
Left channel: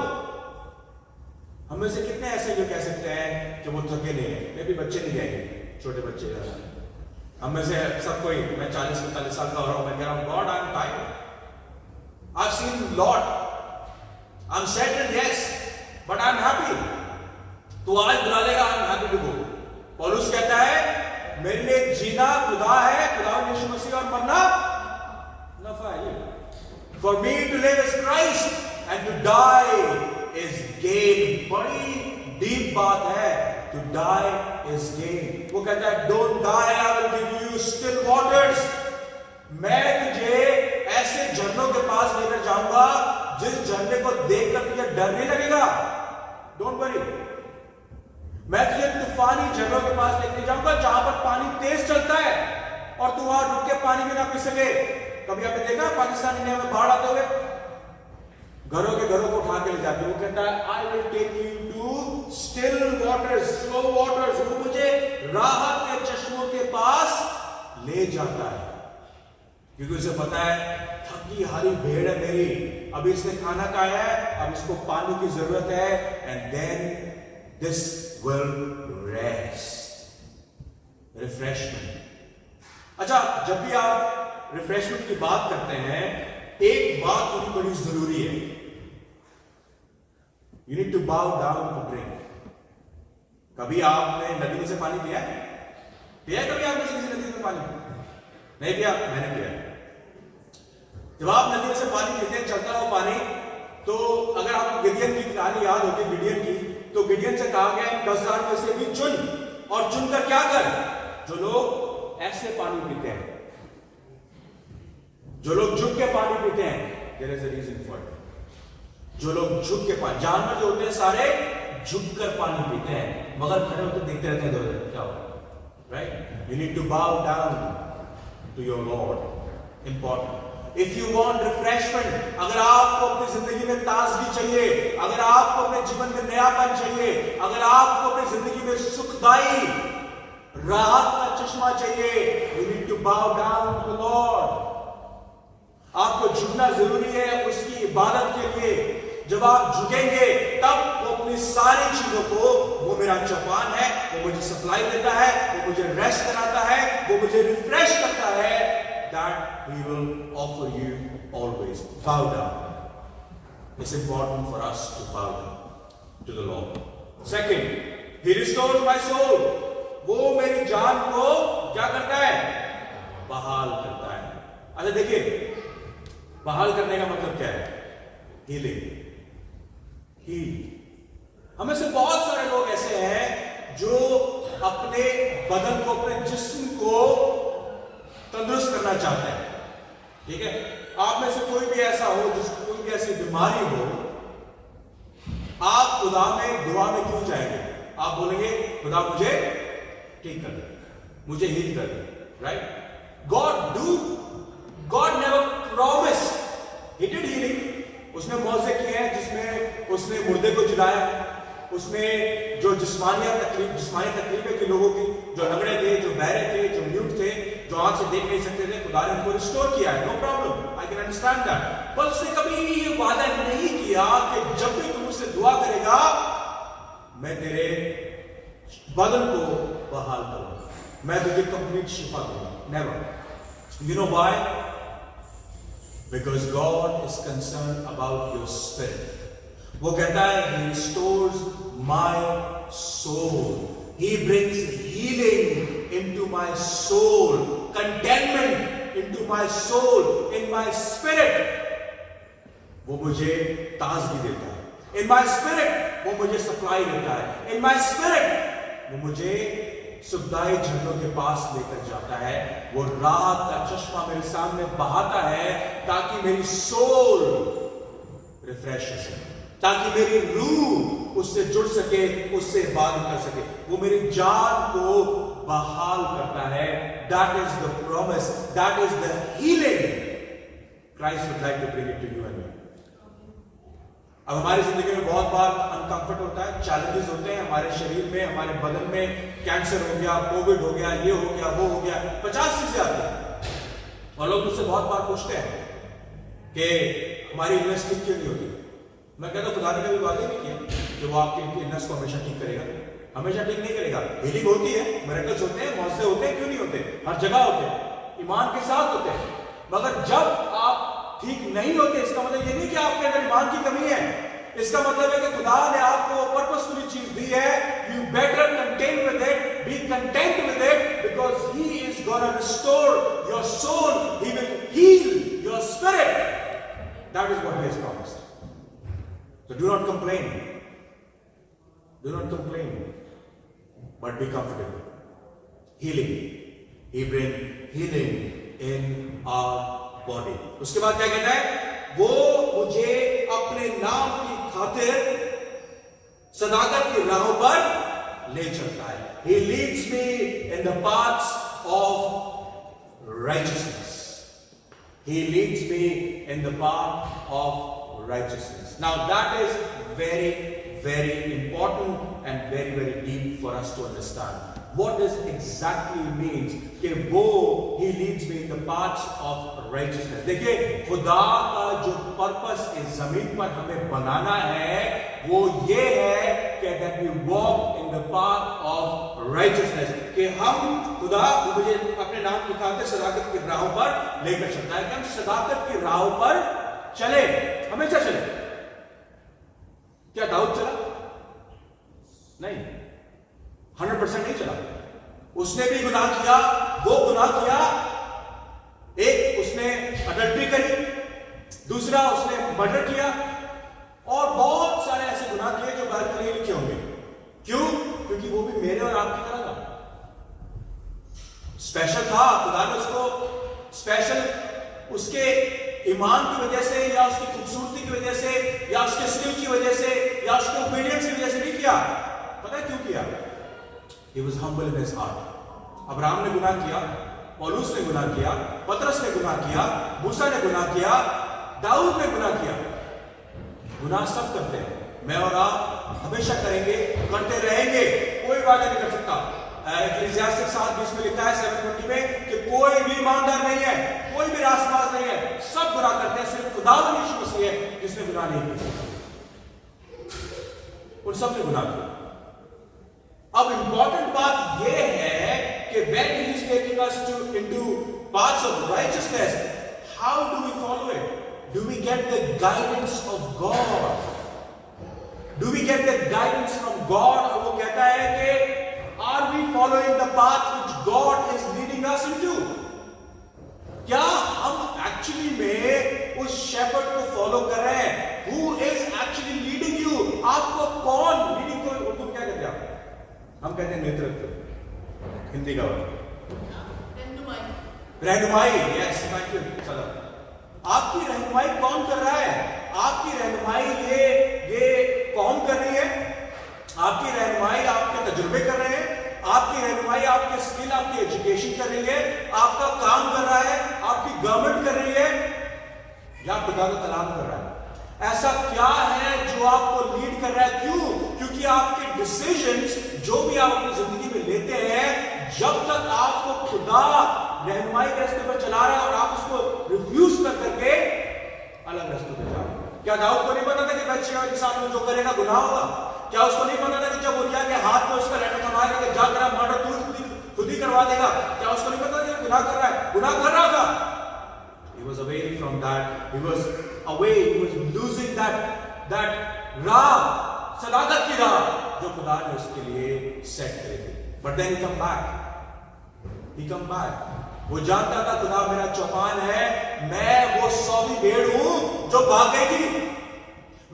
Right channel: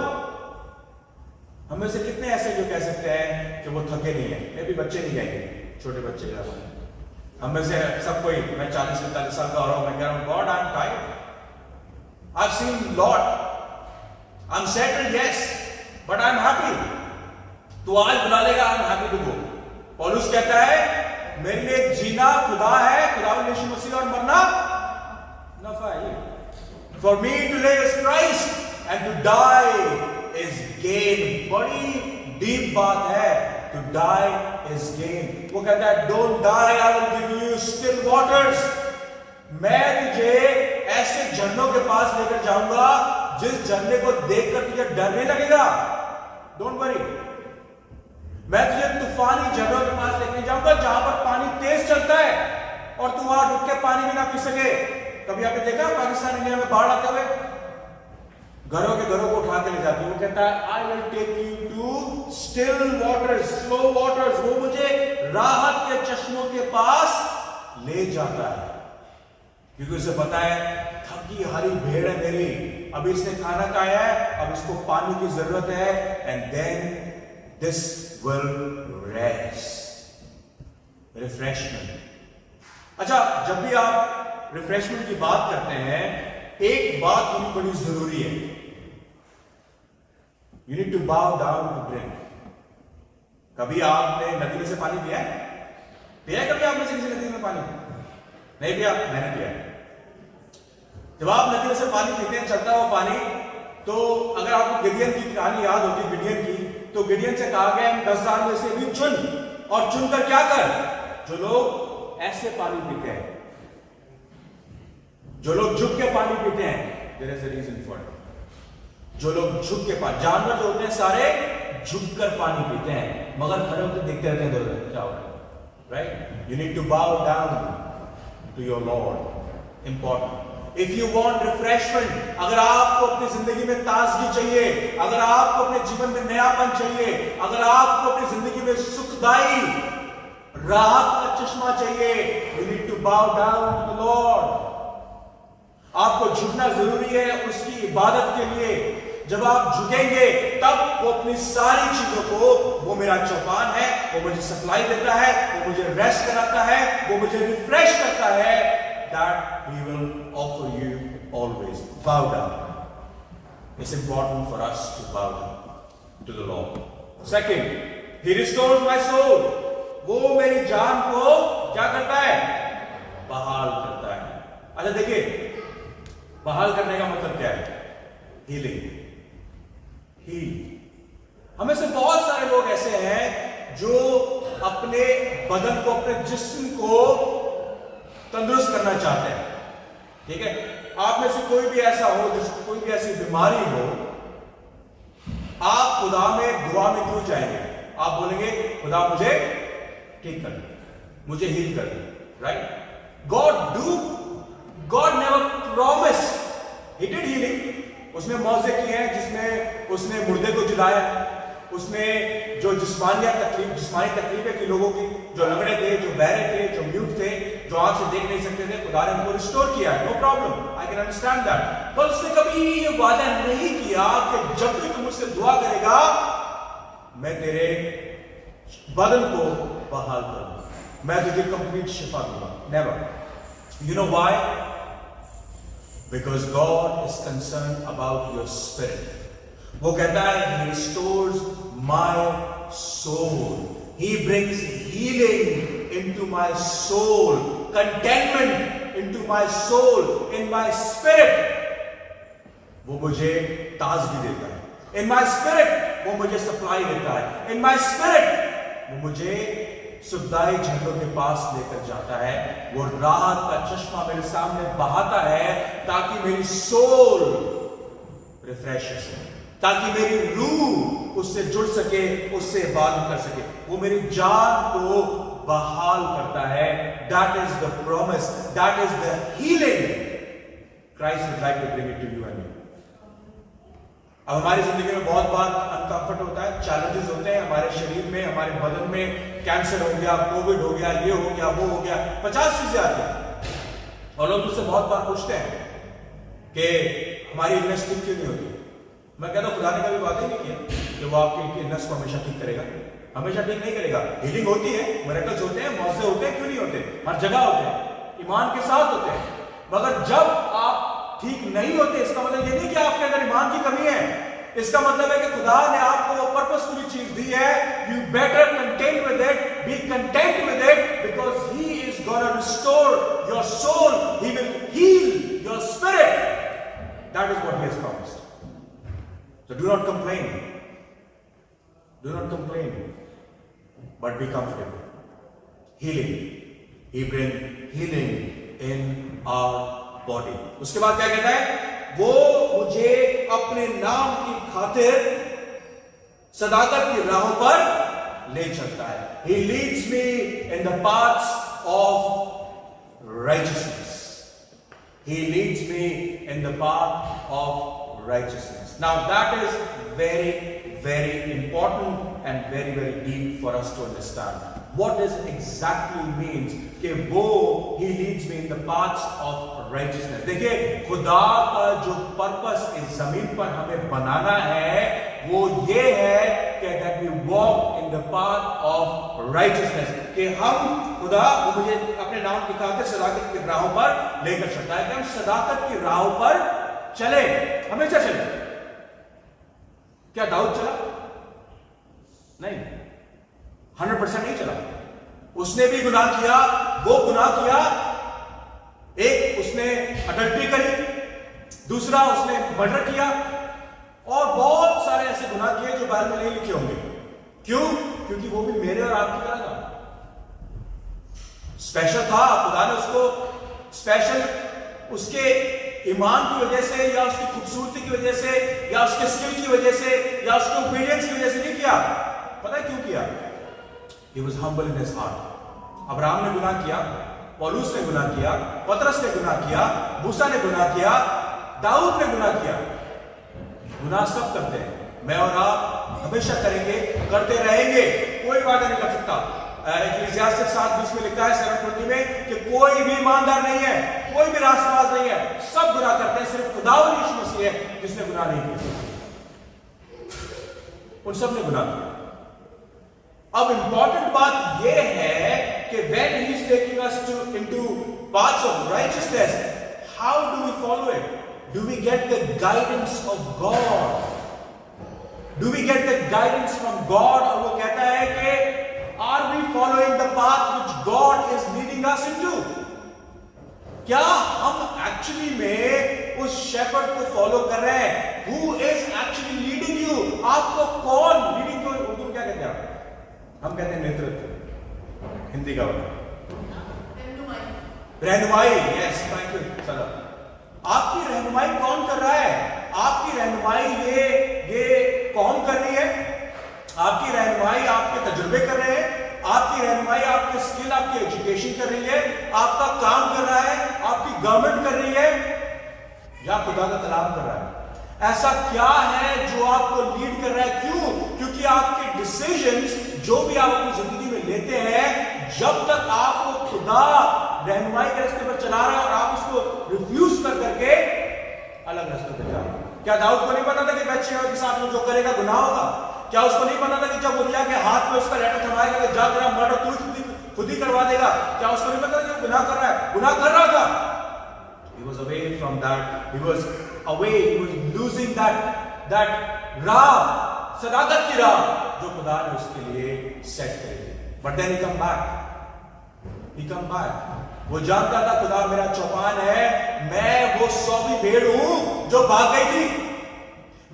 हमें से कितने ऐसे जो कह सकते हैं कि वो थके नहीं है? ये भी बच्चे नहीं कहेंगे, छोटे बच्चे. हम में से सब कोई, मैं 40-45 साल का हो रहा हूं, मैं कह रहा हूं God, I am tired. I've seen lot. I'm settled, yes, but I'm happy. तू आज बुला लेगा, I'm happy to go. पौलुस कहता है मेरे लिए जीना खुदा है, खुदा यीशु मसीह, और मरना नफा है. For me to live is Christ and to die is gain. बड़ी डीप बात है. To die is gain. वो कहता है don't die, I will give you still waters. मैं तुझे ऐसे झरनों के पास लेकर जाऊंगा जिस झरने को देखकर तुझे डर नहीं लगेगा. Don't worry. मैं तुझे तूफानी झरनों के पास लेके जाऊंगा जहां पर पानी तेज चलता है और तू वहां रुक के पानी में ना पी सके. कभी आपने देखा पाकिस्तान इंडिया में बाढ़ आते हुए घरों को उठा के ले जाते. वो कहता है I will take you to still waters, slow waters. वो मुझे राहत के चश्मों के पास ले जाता है क्योंकि उसे पता है थकी हारी भेड़ है मेरी, अभी इसने खाना खाया है, अब इसको पानी की जरूरत है. And then this will rest. Refreshment. अच्छा, जब भी आप रिफ्रेशमेंट की बात करते हैं, एक बात होनी बड़ी जरूरी है. You need to bow down to drink. कभी आपने नदी में से पानी पिया है? पिया है कभी आपने किसी नदी में पानी? नहीं पिया? मैंने पिया. जब आप नदी में से पानी पीते हैं, चलता हुआ पानी, तो अगर आपको गिडियन की कहानी याद होती, गिडियन की, तो गिडियन से कहा गया 10,000 में से भी चुन, और चुनकर क्या कर? जो लोग ऐसे पानी पीते हैं, जो लोग झुक के पानी पीते हैं, there is a reason for it. जो लोग झुक के पानी, जानवर जो होते हैं सारे झुककर पानी पीते हैं, मगर खड़े होकर देखते रहते हैं दोनों क्या हो रहा है. Right? You need to bow down to your Lord. Important. If you want refreshment, अगर आपको अपनी जिंदगी में ताजगी चाहिए, अगर आपको अपने जीवन में नयापन चाहिए, अगर आपको अपनी जिंदगी में सुखदाई राहत का चश्मा चाहिए, you need to bow down to the Lord. आपको झुकना जरूरी है उसकी इबादत के लिए. जब आप झुकेंगे तब वो अपनी सारी चीजों को, वो मेरा चौपान है, वो मुझे सप्लाई देता है, वो मुझे रेस्ट कराता है, वो मुझे रिफ्रेश करता है. That He will offer you always. Bow down. It's important for us to bow down to the Lord. Second, He restores my soul. वो मेरी जान को क्या करता है? बहाल करता है. अच्छा देखिए, बहाल करने का मतलब क्या है? हीलिंग. हमें से बहुत सारे लोग ऐसे हैं जो अपने बदन को, अपने जिस्म को तंदुरुस्त करना चाहते हैं. ठीक है? आप में से कोई भी ऐसा हो जिसको कोई भी ऐसी बीमारी हो, आप खुदा में दुआ में क्यों जाएंगे? आप बोलेंगे खुदा मुझे ठीक कर दे, मुझे हील कर दे. Right? God never promise. He did healing. उसने मौजे किए हैं जिसमें उसने मुर्दे को जिलाया, उसने जो जिस्मानी तकलीफें की लोगों की, जो लंगड़े थे, जो बहरे थे, जो म्यूट थे, जो आंख से देख नहीं सकते थे, खुदा ने उनको रिस्टोर किया है, no problem, I can understand that. पर उसने कभी ये वादा नहीं किया कि जब भी तुम मुझसे दुआ करेगा मैं तेरे बदन को बहाल करूंगा, मैं तुझे कंप्लीट शिफा दूंगा, never. You know why? Because God is concern about your spirit. वो कहता है he restores my soul, he brings healing into my soul, contentment into my soul, in my spirit। वो मुझे ताजगी देता है, in my spirit वो मुझे सप्लाई देता है, in my spirit वो मुझे सुखदाई झरनों के पास लेकर जाता है, वो राहत का चश्मा मेरे सामने बहाता है ताकि मेरी सोल रिफ्रेश हो सके, ताकि मेरी रूह उससे जुड़ सके, उससे इबादत कर सके, वो मेरी जान को बहाल करता है। That is the promise, that is the healing Christ would like to bring it to you and me. अब हमारी जिंदगी में बहुत बार अनकंफर्ट होता है, चैलेंजेस होते हैं हमारे शरीर में, हमारे बदन में, कैंसर हो गया, कोविड हो गया, ये हो गया, वो हो गया, 50 चीजें आती हैं और लोग मुझसे बहुत बार पूछते हैं कि हमारी इलनेस ठीक क्यों नहीं होती। मैं कहता हूं खुदा ने कभी वादा नहीं किया कि वो आपकी इलनेस को हमेशा ठीक करेगा, हमेशा ठीक नहीं करेगा। हीलिंग होती है, मिरेकल्स होते हैं, मौजे होते हैं, क्यों नहीं होते, हर जगह होते हैं, ईमान के साथ होते हैं। मगर जब आप ठीक नहीं होते, इसका मतलब ये नहीं कि आपके अंदर ईमान की कमी है, इसका मतलब है कि खुदा ने आपको पर्पसफुली चीज दी है। You better content with it, be content with it, because he is gonna restore your soul, he will heal your spirit. That is what he has promised. So do not complain. Do not complain, but be comfortable. Healing. He brings healing in our body. उसके बाद क्या कहता है? वो मुझे अपने नाम की खातिर सदाकत की राहों पर ले चलता है। He leads me in the paths of righteousness. He leads me in the path of righteousness. Now that is very, very important and very, very deep for us to understand. What does exactly means कि वो he leads me in the paths of righteousness. देखिए खुदा का जो purpose इस जमीन पर हमें बनाना है वो ये है कि that we walk in the path of righteousness, कि हम खुदा मुझे अपने नाम की खातिर सदाकत की राहों पर लेकर चलता है, कि हम सदाकत की राहों पर चले, हमेशा चले। क्या दाऊद चला? नहीं, 100% नहीं चला। उसने भी गुनाह किया, वो गुनाह किया। एक उसने अडल्ट्री करी, दूसरा उसने मर्डर किया और बहुत सारे ऐसे गुनाह किए जो बाइबल में नहीं लिखे होंगे। क्यों? क्योंकि वो भी मेरे और आपकी तरह था, स्पेशल था। खुदा ने उसको स्पेशल उसके ईमान की वजह से या उसकी खूबसूरती की वजह से या उसके स्किल की वजह से या उसके ओबीडियंस की वजह से नहीं किया। पता है क्यों किया? He was humble in his heart। Abraham ने गुनाह किया, पौलुस ने गुनाह किया, पतरस ने गुनाह किया, मूसा ने गुनाह किया, दाऊद ने गुनाह किया। गुनाह सब करते हैं, मैं और आप हमेशा करेंगे, करते रहेंगे, कोई वादा नहीं कर सकता। इक्लेसियास्टिस 7:20 में लिखा है 7:20 में कि कोई भी ईमानदार नहीं है, कोई भी रास्तबाज नहीं है, सब गुनाह करते हैं, सिर्फ खुदावंद यीशु मसीह है जिसने गुनाह नहीं किया। उन सब ने गुनाह किया। अब इंपॉर्टेंट बात यह है कि when he is taking us into paths of righteousness, how do we follow it? Do we get the guidance of God? Do we get the guidance from God? और वो कहता है कि are we following the path which God is leading us into? क्या हम actually में उस shepherd को फॉलो कर रहे हैं? Who is actually leading you? आपको कौन लीडिंग को उर्दू क्या कहते हैं? हम कहते हैं नेतृत्व, हिंदी का वर्ड रहनुमाई। Yes, thank you sir. आपकी रहनुमाई कौन कर रहा है? आपकी रहनुमाई ये कौन कर रही है? आपकी रहनुमाई आपके तजुर्बे कर रहे हैं, आपकी रहनुमाई आपके स्किल, आपकी एजुकेशन कर रही है, आपका काम कर रहा है, आपकी गवर्नमेंट कर रही है, या खुदा का कलाम कर रहा है? ऐसा क्या है जो आपको लीड कर रहा है? क्यों? क्योंकि आपके डिसीजंस जो भी आप अपनी जिंदगी में लेते हैं, जब तक आपको खुदा रहनुमाई के रास्ते पर चला रहा है और आप उसको रिफ्यूज कर करके अलग रास्ते पर जा रहे हैं। क्या दाऊद को नहीं पता था कि बैतशेबा के साथ में जो करेगा गुनाह होगा? क्या उसको नहीं पता था कि जब उरिय्याह के हाथ में उसका लैटर थमाएगा कि जा तेरा मर्डर तू खुद ही करवा देगा? क्या उसको नहीं पता कि गुनाह कर रहा है? गुनाह कर रहा था। He was away from that. He was away. He was losing that राह, सदाकत की राह जो खुदा ने उसके लिए सेट करी थी। But then he come back. He come back. वो जानता था खुदा मेरा चौपान है, मैं वो 100वीं भेड़ हूं जो भाग गई थी,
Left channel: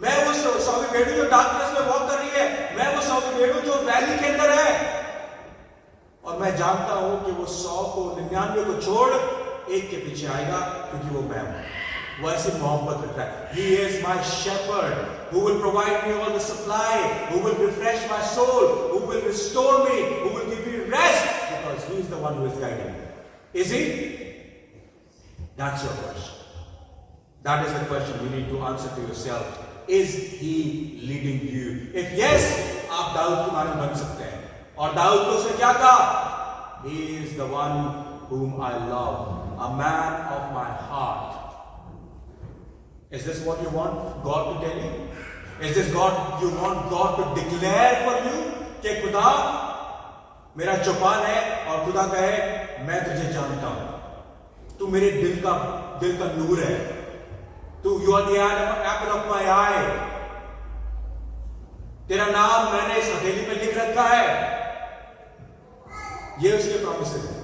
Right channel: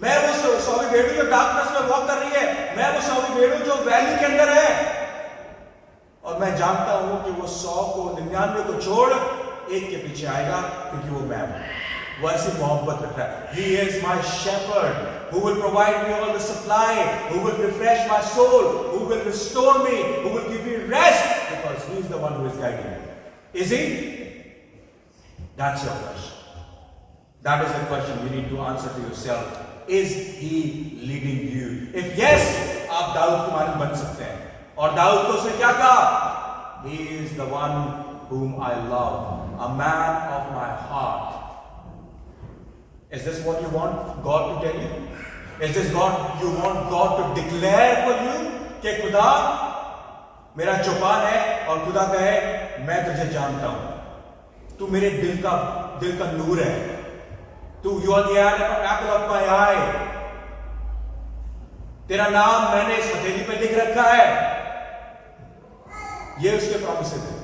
मैं वो 100वीं भेड़ हूं जो डार्कनेस में वॉक कर रही है, मैं वो 100वीं भेड़ हूं जो वैली के अंदर है, और मैं जानता हूं कि वो 100 को 99 को छोड़ एक के पीछे आएगा, क्योंकि वो मैं हूं। वो ऐसी मोहब्बत रखता है। He is my shepherd who will provide me all the supply, who will refresh my soul, who will restore me, who will give me rest, because he is the one who is guiding me. Is he? That's your question. That is the question you need to answer to yourself. Is he leading you? If yes, आप दाऊद के मानक बन सकते हैं। और दाऊद को उसने क्या कहा? He is the one whom I love, a man of my heart. Is this what you want God to tell you? Is this God you want God to declare for you? कि खुदा मेरा चौपान है और खुदा कहे मैं तुझे जानता हूं, तू मेरे दिल का नूर है, तू you are the apple of my eye, तेरा नाम मैंने इस हथेली पे लिख रखा है। ये उसके प्रॉमिसेस थे।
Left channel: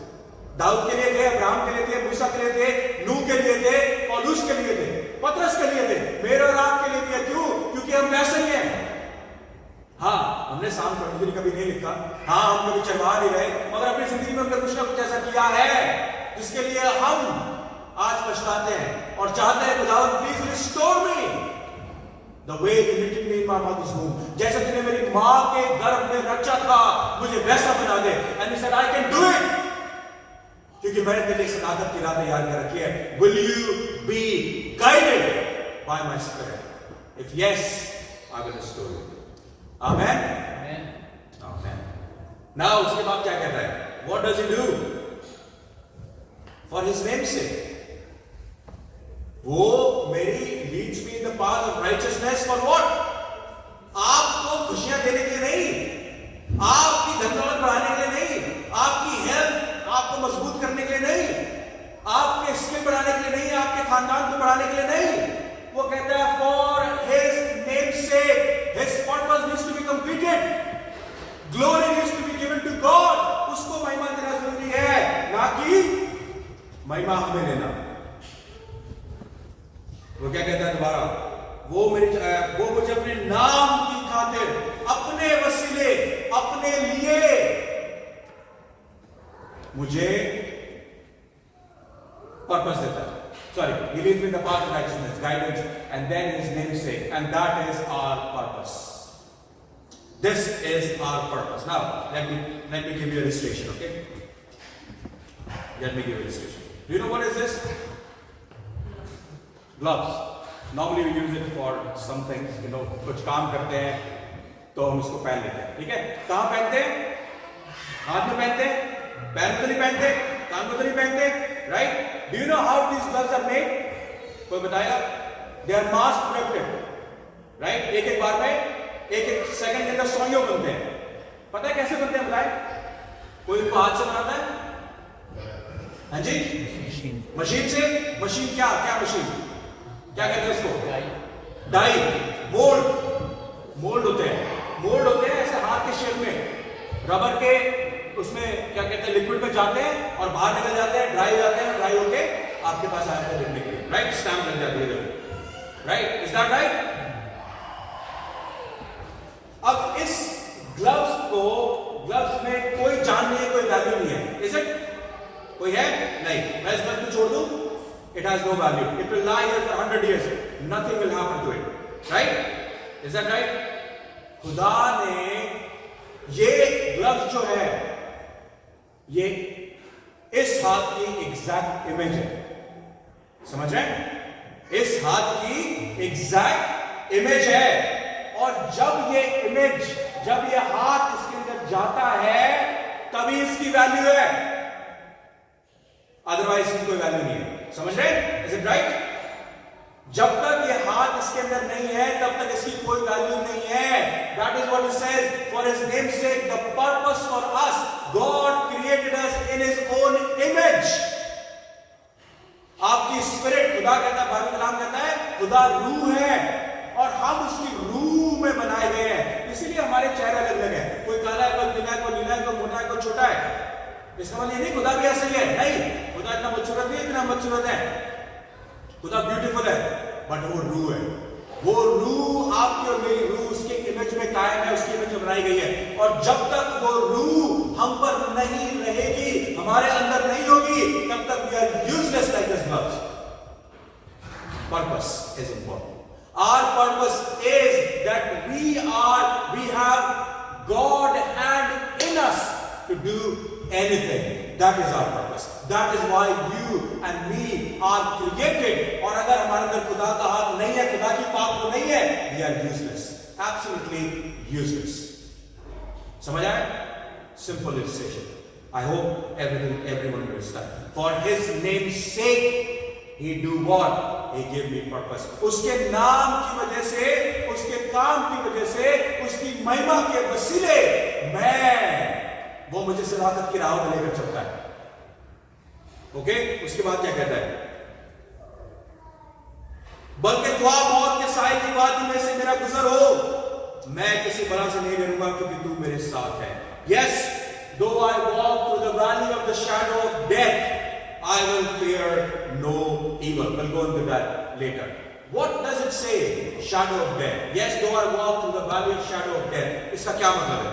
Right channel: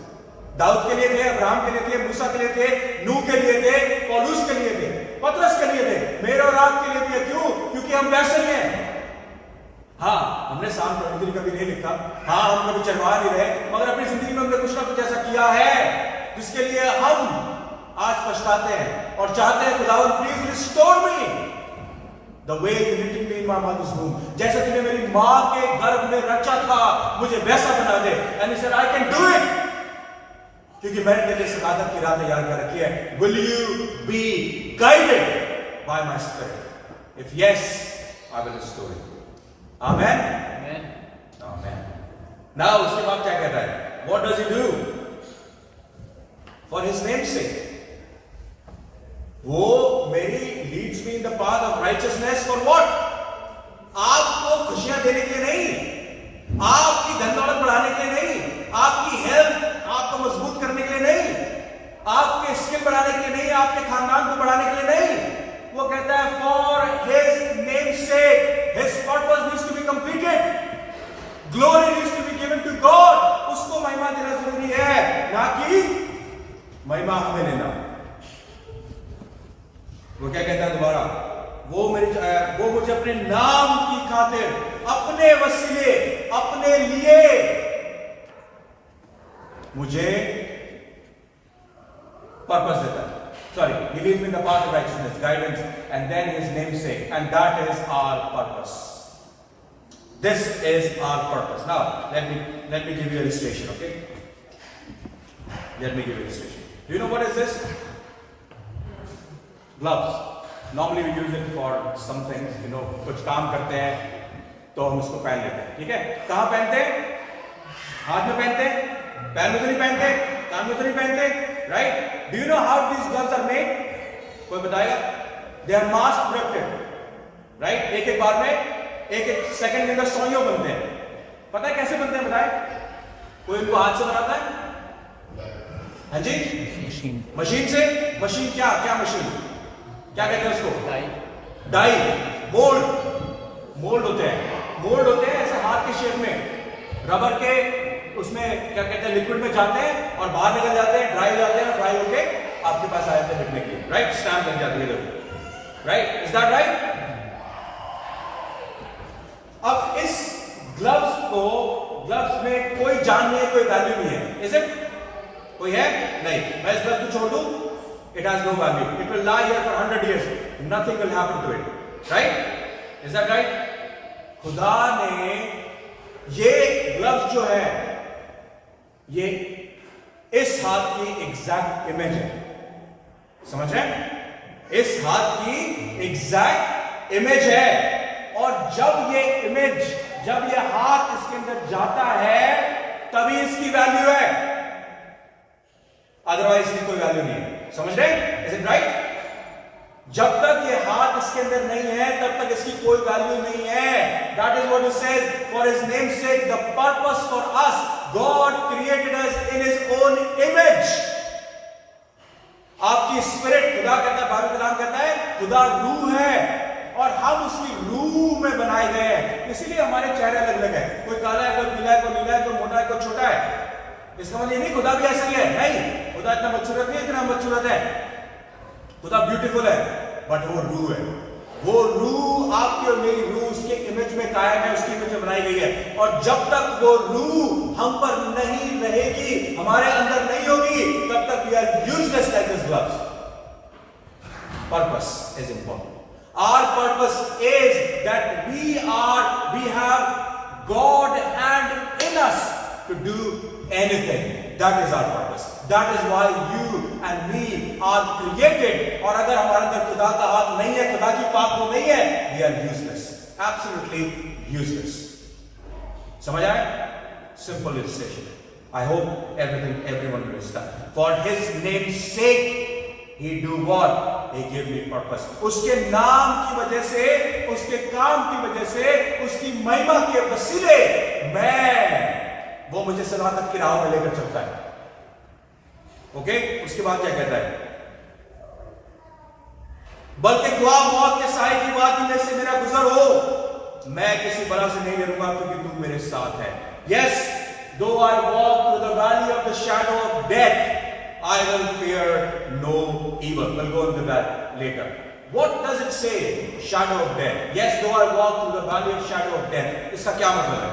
दाऊद के लिए थे, अब्राहम के लिए थे, मूसा के लिए थे, नूह के लिए थे, पौलुस के लिए थे, पतरस के लिए थे, मेरे और आपके लिए भी है। क्यों? क्योंकि हम वैसे ही हैं। हाँ, हमने साम 23 कभी नहीं लिखा, हाँ हम कभी चढ़वा नहीं रहे, मगर अपनी जिंदगी में हमने कुछ ना कुछ ऐसा किया है जिसके लिए हम आज पछताते हैं और चाहते हैं खुदावंद please restore me the way you knitted me in my mother's womb, जैसे तूने मेरी मां के गर्भ में रचा था मुझे वैसा बना दे। And he said I can do it, क्योंकि मैंने तेरे लिए सदाकत की राह तैयार कर रखी है। Will you be guided by my spirit? If yes, I will restore you. Amen. Amen. Amen. Now उसके बाद क्या कहता है? What does he do for his name's sake? वो मेरी leads me in the path of righteousness for what? आपको खुशियां देने के लिए नहीं, आपकी धन दौलत बढ़ाने के लिए नहीं, आपकी हेल्थ आपको मजबूत करने के लिए नहीं, आपके स्किल बढ़ाने के लिए नहीं, आपके खानदान को बढ़ाने के लिए नहीं। वो कहता है for his name's sake, his purpose needs to be completed, glory needs to be given to God. उसको महिमा देना जरूरी है, ना कि महिमा हमें लेना। वो क्या कहता है दोबारा? वो मुझे अपने नाम की खातिर, अपने वसीले, अपने लिए मुझे पर्पस देता है। Sorry, he leads me in the path of righteousness, guidance, and then his namesake, and that is our purpose. This is our purpose. Now, let me give you an illustration, okay? Let me give you an illustration. Do you know what is this? Gloves. Normally we use it for some things, you know, कुछ काम करते हैं तो हम उसको पहन लेते हैं, ठीक है? कहाँ पहनते हैं? हाथ में पहनते हैं, पैर में तो नहीं पहनते, कान में तो नहीं पहनते, right? Do you know how these gloves are made? कोई बताएगा? They are mass produced, right? एक बार में एक सेकंड के अंदर 100 बनते हैं। पता है कैसे बनते हैं? बताए? कोई इनको हाथ से बनाता है? हाँ जी? मशीन से। मशीन क्या मशीन? क्या कहते हैं इसको? डाई। मोल्ड होते हैं ऐसे हाथ के शेप में, रबर के, उसमें क्या कहते हैं, लिक्विड में जाते हैं और बाहर निकल जाते हैं, ड्राई जाते हैं, ड्राई होके आपके पास आ जाते हैं लिखने के लिए, राइट? स्टैम्प लग जाती है, राइट? Is that right? अब इस ग्लव्स में कोई जान नहीं है, कोई वैल्यू नहीं है, इज इट? कोई है? नहीं। मैं इस ग्लव्स को छोड़ दूं, it has no value, it will lie here for 100 years, nothing will happen to it, right? Is that right? खुदा ने ये ग्लव्स जो है, ये इस हाथ की एग्जैक्ट इमेज है, समझ रहे हैं? इस हाथ की एग्जैक्ट इमेज है, और जब ये इमेज, जब ये हाथ इसके अंदर जाता है तभी इसकी वैल्यू है, अदरवाइज इसकी कोई वैल्यू नहीं है। समझ रहे? Is it right? जब तक ये हाथ इसके अंदर नहीं है तब तक इसकी कोई वैल्यू नहीं है। That is what it says, for his name's sake the purpose for us God created us in his own image. आपकी स्पिरिट, खुदा कहता है, बाइबल कलाम कहता है खुदा रूह है और हम उसकी रूह में बनाए गए हैं, इसीलिए हमारे चेहरे अलग अलग है। कोई काला है, कोई पीला है, कोई नीला है, कोई मोटा है, कोई छोटा है। इसका मतलब ये नहीं खुदा भी ऐसा ही है, नहीं, खुदा इतना बदसूरत नहीं, इतना बदसूरत है, खुदा ब्यूटीफुल है, बट वो रूह है। वो रूह आपकी और मेरी रूह उसके इमेज में कायम है, उसकी इमेज में बनाई गई है, और जब तक वो रूह हम पर नहीं रहेगी, हमारे अंदर नहीं होगी, तब तक we are useless like this gloves. Purpose is important. Our purpose is that we have God hand in us to do anything. That is our purpose. That is why you and me are created. और अगर हमारे अंदर खुदा का हाथ नहीं है, खुदा की पाक वो नहीं है, we are useless. Absolutely useless. समझ आए? Simple illustration. I hope everyone understands. For His name's sake, He do what? He gave me purpose. उसके नाम की वजह से, उसके काम की वजह से, उसकी महिमा के वसीले वो मुझे सलामत की राह में लेकर चलता है। ओके? उसके बाद क्या कहता है? बल्कि ख्वाह मौत के साए की वादी में से मेरा गुजर हो, मैं किसी बला से नहीं डरूंगा क्योंकि तू मेरे साथ है। Yes, though I walk through the valley of the shadow of death, I will fear no evil. We'll go into that later. What does it say? Shadow of death. Yes, though I walk through the valley of shadow of death. इसका क्या मतलब है?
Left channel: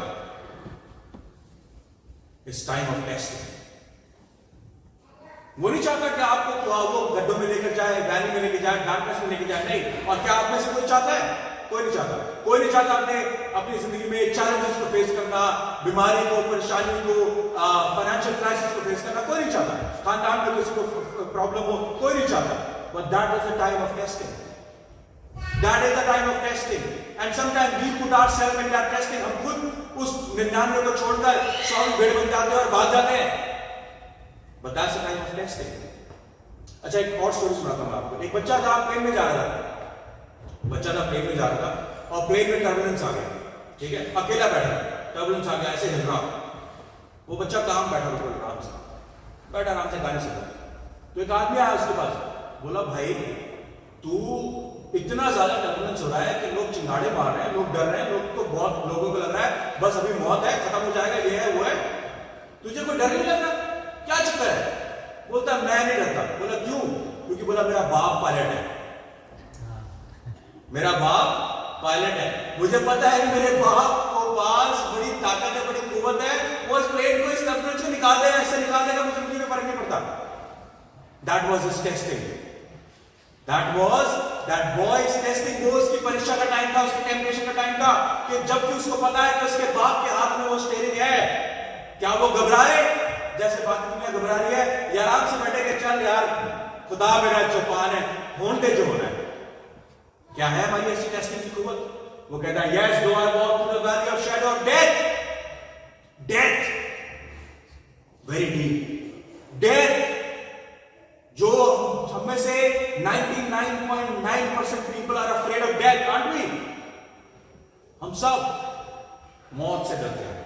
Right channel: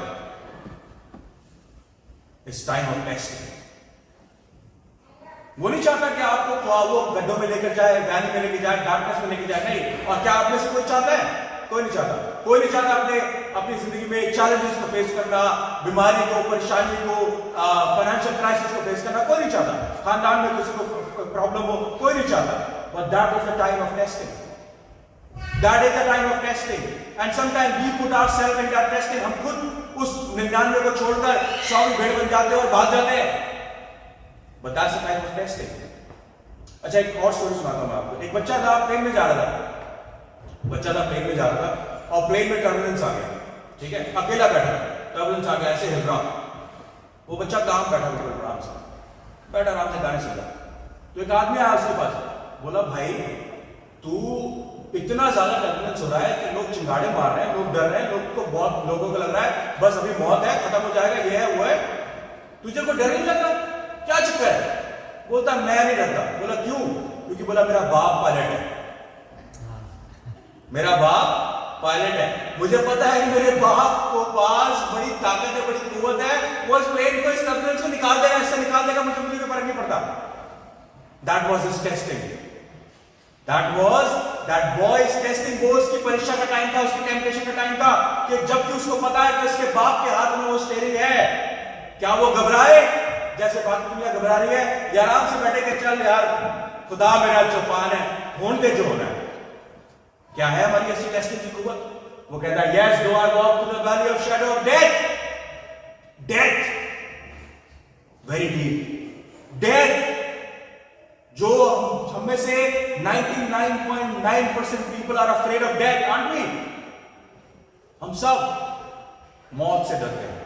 It's time of testing. वो नहीं चाहता कि आपको ख्वाबों गड्ढों में लेकर जाए, वैली में लेकर जाए, डार्कनेस में लेकर जाए, नहीं। और क्या आप में से कोई चाहता है? कोई नहीं चाहता। कोई नहीं चाहता अपनी जिंदगी में चैलेंजेस को फेस करना, बीमारी को, परेशानी को, फाइनेंशियल क्राइसिस को फेस करना, कोई नहीं चाहता। खानदान में किसी को प्रॉब्लम हो, कोई नहीं चाहता। But that is the time of testing. That is the time of testing. And sometimes we put ourselves in that testing. हम खुद उस 99 को छोड़कर 100 की भेड़ बन जाते हैं और भाग जाते हैं। But that's the time of testing. अच्छा, एक और स्टोरी सुनाता हूँ आपको। एक बच्चा था, प्लेन में जा रहा था। प्लेन में जा रहा था और प्लेन में टर्बुलेंस आ गया। ठीक है, अकेला बैठा, टर्बुलेंस आ गया, ऐसे हिल रहा। वो बच्चा काम बैठा आराम से गाने सुन रहा। तो एक आदमी आया उसके पास, बोला भाई तू इतना ज्यादा टर्बुलेंस हो रहा है कि लोग चिंगाड़े मार रहे हैं, लोग डर रहे हैं, बहुत लोगों को लग रहा है बस अभी मौत है, खत्म हो जाएगा, ये है वो है, तुझे कोई डर नहीं लगता? क्या चक्कर है? बोलता मैं नहीं डरता। बोला क्यों? क्योंकि बोला मेरा बाप पायलट है, मेरा बाप पायलट है, मुझे पता है कि मेरे बाप को पास बड़ी ताकत है, बड़ी कुव्वत है, वो इस प्लेन को इस टर्बुलेंस से निकाल देगा, ऐसा निकाल देगा, मुझे कोई फर्क नहीं पड़ता। That was his testing. That boy's testing वो उसकी परीक्षा का टाइम था, उसकी टेम्पटेशन का टाइम था, कि जबकि उसको पता है कि उसके बाप के हाथ में वो स्टीयरिंग है, क्या वो घबराए जैसे बाकी दुनिया घबरा रही है, या आराम से बैठे के चल यार खुदा मेरा चौपान है, होने दे जो होना है। क्या है हमारी ऐसी टेस्टिंग की कुव्वत? वो कहता है yes, though I walk through the valley of shadow of death, very deep, death, जो हम में से 99.9% people are afraid of death, aren't we? हम सब मौत से डरते हैं,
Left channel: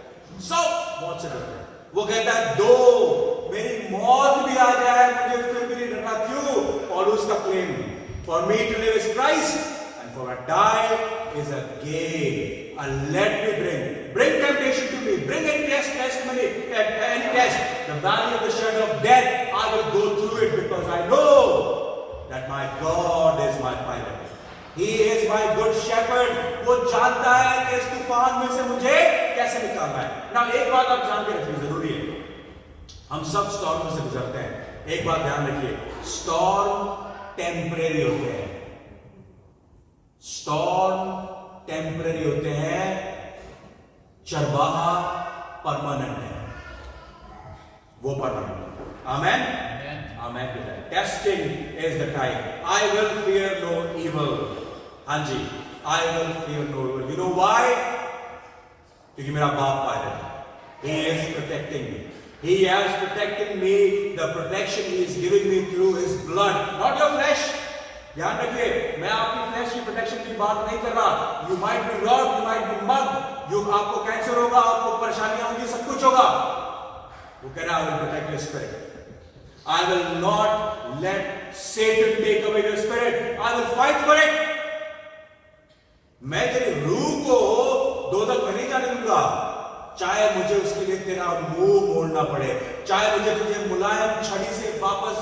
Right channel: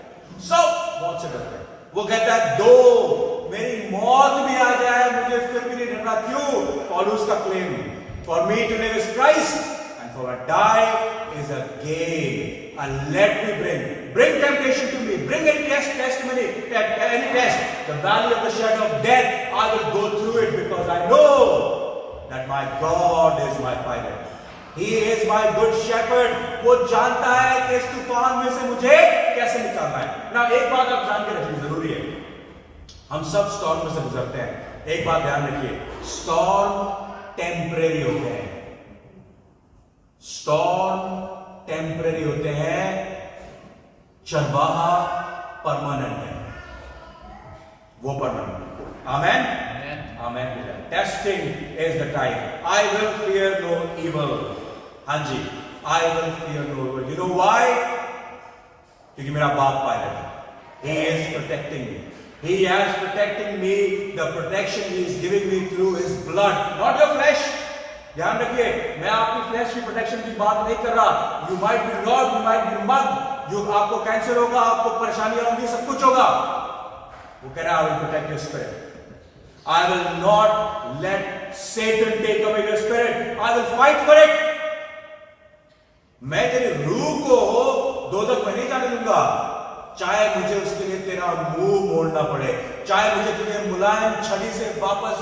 सब मौत से डरते हैं। वो कहता है दो मेरी मौत भी आ जाए मुझे फिर भी नहीं डरना। क्यों? पौलुस का claim, for me to live is Christ and for a die is a gain. And let me bring temptation to me, bring any testimony, any test, the valley of the shadow of death, I will go through it because I know that my God is my pilot. He is my good shepherd. वो जानता है कि इस तूफान में से मुझे कैसे निकालना है। ना एक बात आप जान के रखनी जरूरी है, हम सब स्टॉर्म में से गुजरते हैं। एक बात ध्यान रखिए, स्टॉर्म टेम्परेरी होते हैं, स्टॉर्म टेम्परेरी होते हैं, चरवाहा परमानेंट है, वो permanent. Amen, amen. Testing is the time. I will fear no evil. हाँ जी, I will fear no evil. You know why? क्योंकि मेरा बाप पायलट है. He is protecting me. He has protected me. The protection He is giving me through His blood, not your flesh. ध्यान रखिए, मैं आपकी फ्लैश की प्रोटेक्शन की बात नहीं कर रहा. You might be robbed, you might be mugged. जो आपको कैंसर होगा, आपको परेशानियां होंगी, सब कुछ होगा. वो कह रहा है, I will protect your spirit. I will not let Satan take away your spirit. I will fight for it. मैं तेरी रूह को दोजख में नहीं जाने दूंगा, चाहे मुझे उसके लिए तेरा मुंह मोड़ना पड़े, चाहे मुझे तुझे मुलायम छड़ी से वापस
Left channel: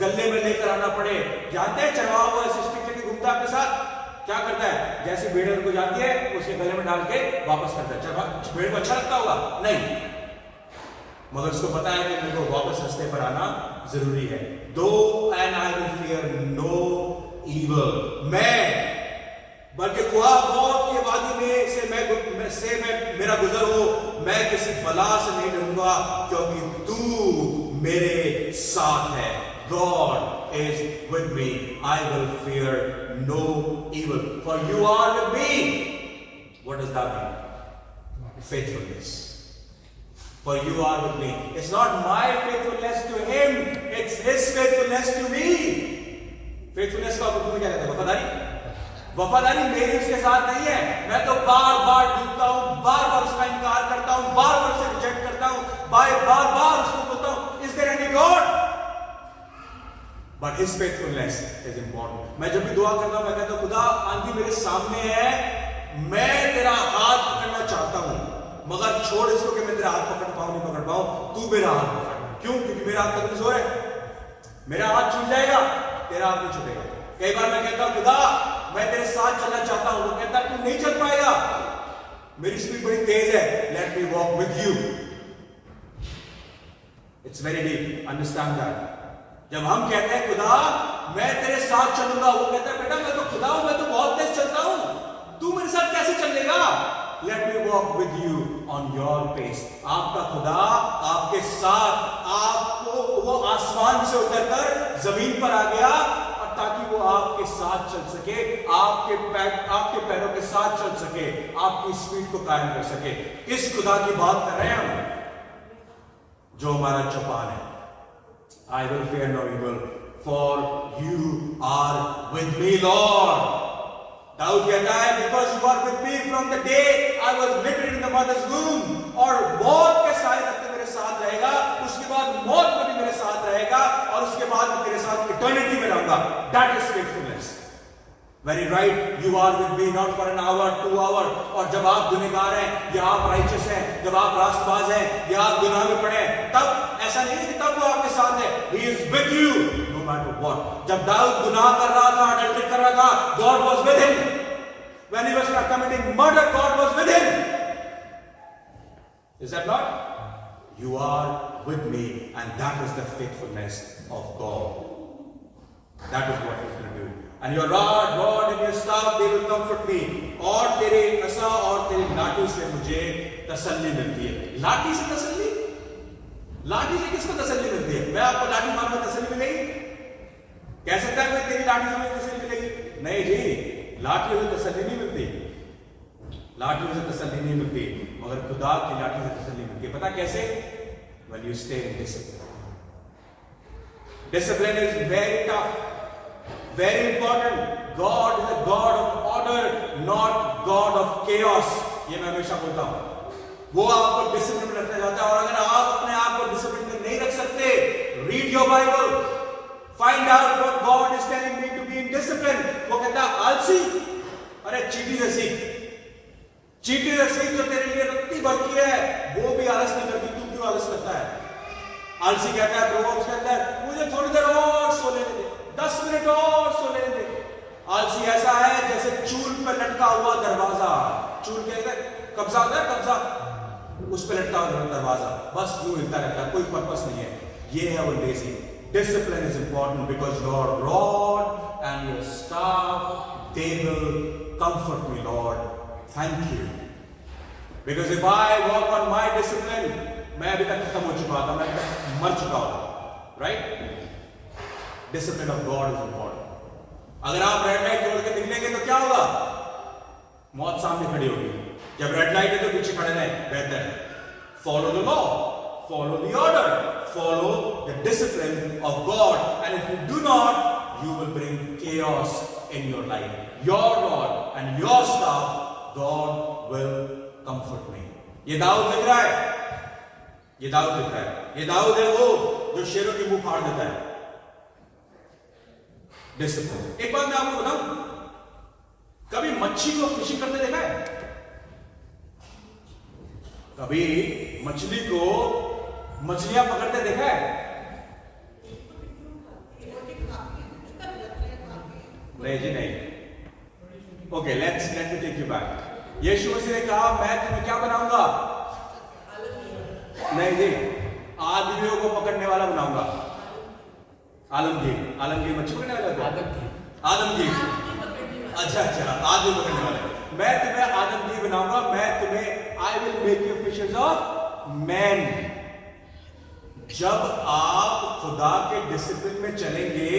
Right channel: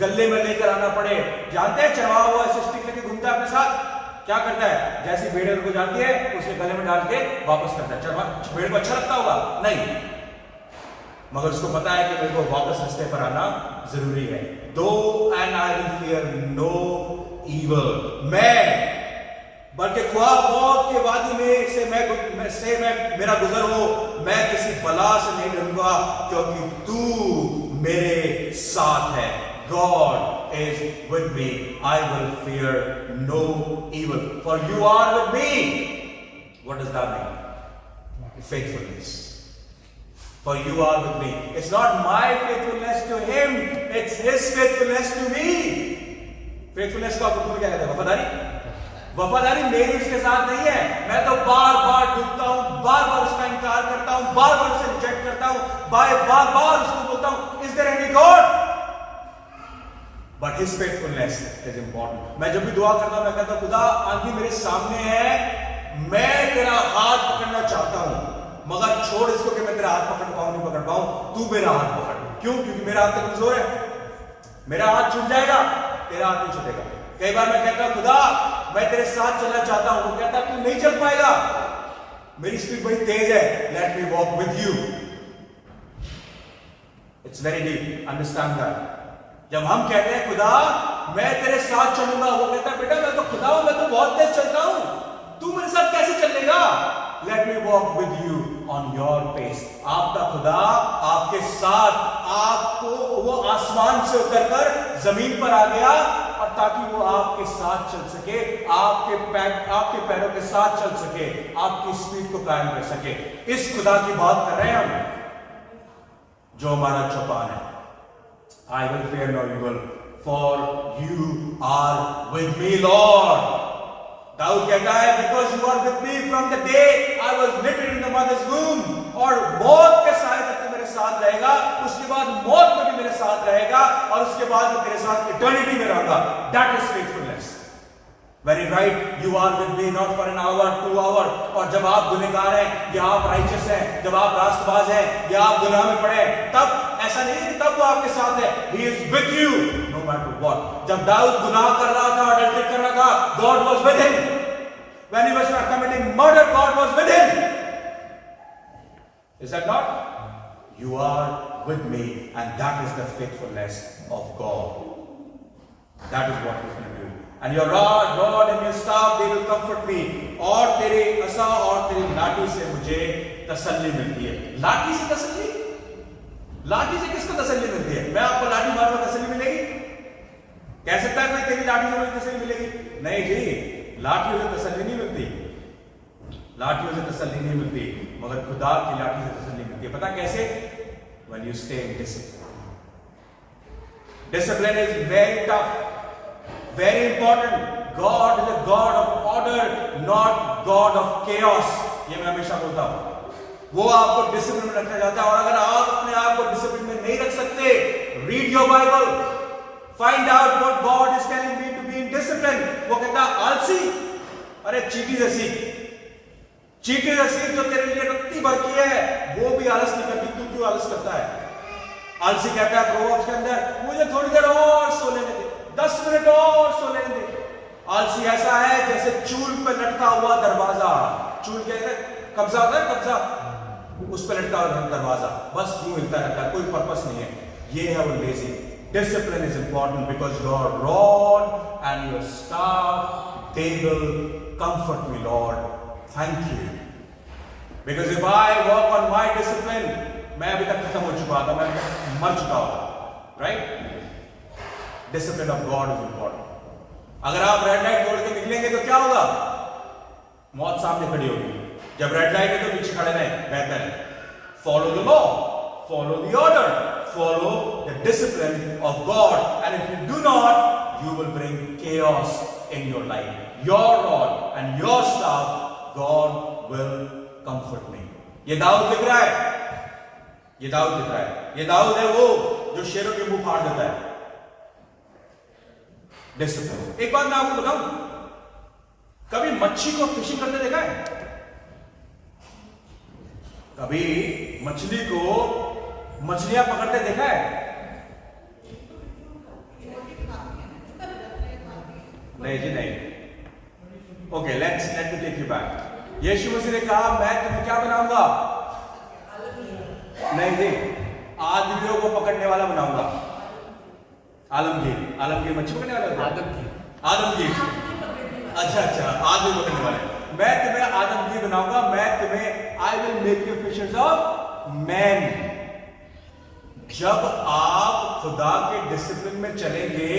गले में लेकर आना पड़े. जानते हैं चढ़ावा हुआ स्टिक लेके घूमता है अपने साथ, क्या करता है? जैसी भेड़ को जाती है उसके गले में डाल के वापस करता है. चढ़वा भेड़ को अच्छा लगता होगा? नहीं, मगर उसको पता है कि मेरे को वापस रास्ते पर आना जरूरी है. दो and I will fear no evil. मैं बल्कि ख्वाब मौत के वादी में से मैं मेरा गुजर हो, मैं किसी बला से नहीं डरूंगा क्योंकि तू मेरे साथ है. God is with me. I will fear no evil, for you are with me. What does that mean? Faithfulness. For you are with me. It's not my faithfulness to Him, it's His faithfulness to me. Faithfulness का उर्दू में क्या कहते हैं? वफादारी. वफादारी मेरी उसके साथ नहीं है. मैं तो बार बार डूबता हूं, बार बार उसका इनकार करता हूं, बार बार उसे रिजेक्ट करता हूं, बार बार उसको बोलता हूं, is there any God? But his faithfulness is important. मैं जब भी दुआ करता हूं, मैं कहता हूं, खुदा आंधी मेरे सामने है, मैं तेरा हाथ पकड़ना चाहता हूं, मगर छोड़ इसको कि मैं तेरा हाथ पकड़ पाऊं नहीं पकड़ पाऊं, तू मेरा हाथ पकड़. क्यों? क्योंकि मेरा हाथ तो कमजोर है. मेरा हाथ छूट जाएगा, तेरा हाथ नहीं छूटेगा. कई बार मैं कहता हूं, खुदा मैं तेरे साथ चलना चाहता हूं. वो कहता है, तू नहीं चल पाएगा, मेरी स्पीड बड़ी तेज है. Late me walk with you. It's very deep. Understand that. जब हम कहते हैं खुदा मैं तेरे साथ चलूंगा, वो कहता है, बेटा मैं तो खुदा हूं, मैं तो बहुत तेज चलता हूं, तू मेरे साथ कैसे चलेगा? Let me walk with you on your pace. आपका खुदा आपके साथ, आपको वो आसमान से उतरकर जमीन पर आ गया और ताकि वो आपके साथ चल सके, आपके पैरों के साथ चल सके, आपकी स्पीड को कायम कर सके. इस खुदा की बात कर रहे हैं हम जो हमारा चौपान है. I will fear no evil, for you are with me, Lord. Dawood कहता है, because you are with me from the day I was knitted in the mother's womb. और मौत के साए तक तो मेरे साथ रहेगा, उसके बाद मौत में भी मेरे साथ रहेगा, और उसके बाद मैं तेरे साथ इटर्निटी में रहूंगा. That is faithfulness. Very right. You are with me not for an hour, 2 hours. और जब आप गुनहगार हैं या आप राइचस हैं, जब आप रास्तबाज हैं या आप गुनाह में पड़े हैं, तब ऐसा नहीं है कि तब वो आपके साथ है. He is with you no matter what. जब दाऊद गुनाह कर रहा था, अडल्ट्री कर रहा था, God was with him. When he was committing murder, God was with him. Is that not? You are with me, and that is the faithfulness of God. That is what He will do. And your rod and your staff, they will comfort me. और तेरे असा और तेरी लाठी से मुझे तसल्ली मिलती है. लाठी से तसल्ली? लाठी से किसको तसल्ली मिलती है? मैं आपको लाठी मारूंगा तसल्ली मिलेगी? कह सकता है कोई तेरी लाठी से मुझे तसल्ली मिलेगी? नहीं जी, लाठियों से तसल्ली नहीं मिलती. लाठियों से तसल्ली नहीं मिलती, मगर खुदा की लाठी से तसल्ली मिलती है. पता कैसे? When you stay in discipline. Discipline is very tough. Very important. God is a God of order, not God of chaos. ये मैं हमेशा बोलता हूं. वो आपको डिसिप्लिन में रखना चाहता है, और अगर आप अपने आप को डिसिप्लिन में नहीं रख सकते, read your Bible, find out what God is telling me to be in discipline. वो कहता है आलसी, अरे चीटी से सीख. चीटी से सीख जो तेरे लिए रत्ती भर की है, वो भी आलस नहीं करती, तू क्यों आलस करता है? आलसी कहता है प्रोवर्ब्स के अंदर, मुझे थोड़ी देर और सो लेने दे, 10 मिनट और सो लेने दे. आलसी ऐसा है जैसे चूल पे लटका हुआ दरवाजा. चूल कहते हैं कब्जा होता है, कब्जा, उस पे लटका हुआ दरवाजा, बस यूं हिलता रहता है, कोई पर्पस नहीं है. ये है वो lazy. Discipline is important because your rod and your staff, they will comfort me, Lord. Thank you. Because if I walk on my discipline, मैं अभी तक खत्म हो चुका होता, मैं मर चुका होता. Right? Discipline of God is important. अगर आप रेड लाइट तोड़ के निकलेंगे तो क्या होगा? मौत सामने खड़ी होगी। जब रेड लाइट है तो पीछे खड़े रहें, बेहतर है। Follow the law, follow the order, follow the discipline of God, and if you do not, you will bring chaos in your life. Your rod and your staff, God will comfort me. ये दाऊद लिख रहा है, ये दाऊद लिख रहा है, ये दाऊद है वो जो शेरों के मुंह फाड़ देता है। डिसिप्लिन। एक बात मैं आपको बताऊं, कभी मच्छी को फिशिंग करते देखा है? कभी मछली को मछलियां पकड़ते देखा है? नहीं जी नहीं। Okay, let me take you back. Yeshu Masih ने कहा मैं तुम्हें क्या बनाऊंगा? नहीं जी, आदमियों को पकड़ने वाला बनाऊंगा। आलमगीर, आलमगीर मच्छी पकड़ने वाला? आदमगीर। अच्छा, आदमी पकड़ने वाले। मैं तुम्हें आदमगीर बनाऊंगा, मैं तुम्हें I will make you fishers of man. जब आप खुदा के डिसिप्लिन में चलेंगे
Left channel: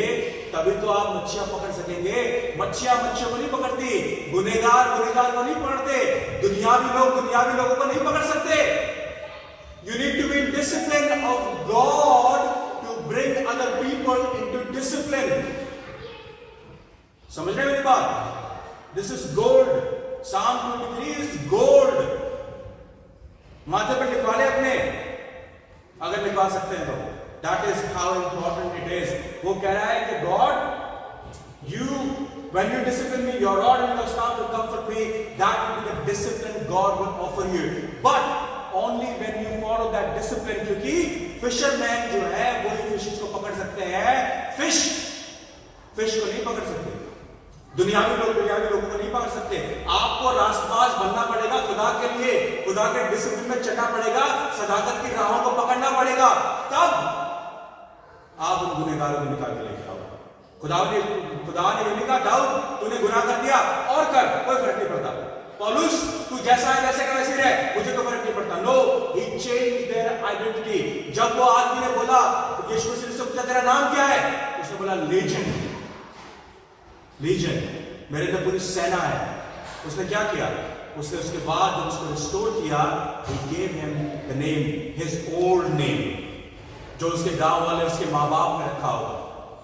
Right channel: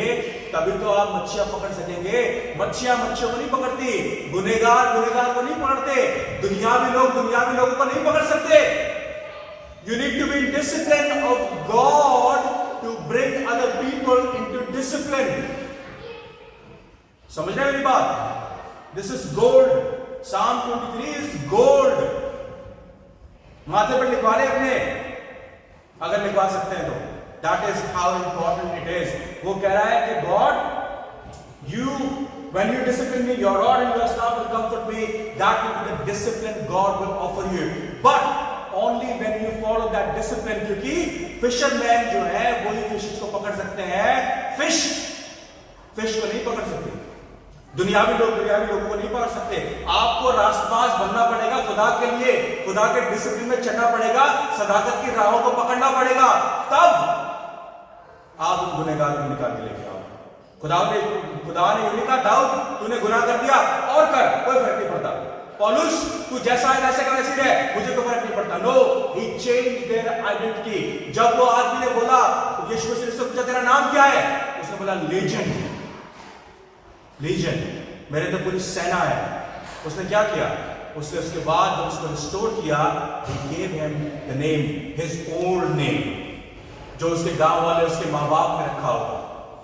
तभी तो आप मच्छियां पकड़ सकेंगे। मच्छियां मच्छियों को नहीं पकड़ती, गुनहगार गुनहगार को नहीं पकड़ते, दुनियावी लोग दुनियावी लोगों को नहीं पकड़ सकते। You need to be in discipline of God to bring other people into discipline. समझ रहे मेरी बात? This is gold. Psalm 23 is gold. माथे पर लिखवा ले अपने, अगर लिखवा सकते हैं तो। That is how important it is. वो कह रहा है कि God, when you discipline me, your rod and your staff will comfort me. That will be the discipline God will offer you. But only when you follow that discipline, क्योंकि fishermen जो है वही fishes को पकड़ सकते हैं, fish को नहीं पकड़ सकते। दुनियावी लोगों को नहीं पकड़ सकते। आपको रास्तबाज बनना पड़ेगा खुदा के लिए, खुदा के डिसिप्लिन में चलना पड़ेगा, सदाकत की राहों को पकड़ना पड़ेगा, तब आप उन गुनहगारों को निकाल के लेके आओ। खुदा ने ये नहीं कहा दाऊद तूने गुनाह कर दिया और कर, कोई फर्क नहीं पड़ता। पौलुस तू जैसा है वैसे का वैसे रह, मुझे तो फर्क नहीं पड़ता। No, he changed their identity. जब वो आदमी ने बोला, यीशु मसीह से पूछा तेरा नाम क्या है? उसने बोला लीजन, मेरे तो पूरी सेना है। उसने क्या किया? उसने उसके बाद जब उसको रिस्टोर किया, he gave him the name, his old name, जो उसके गांव वाले उसके माँ बाप ने रखा होगा।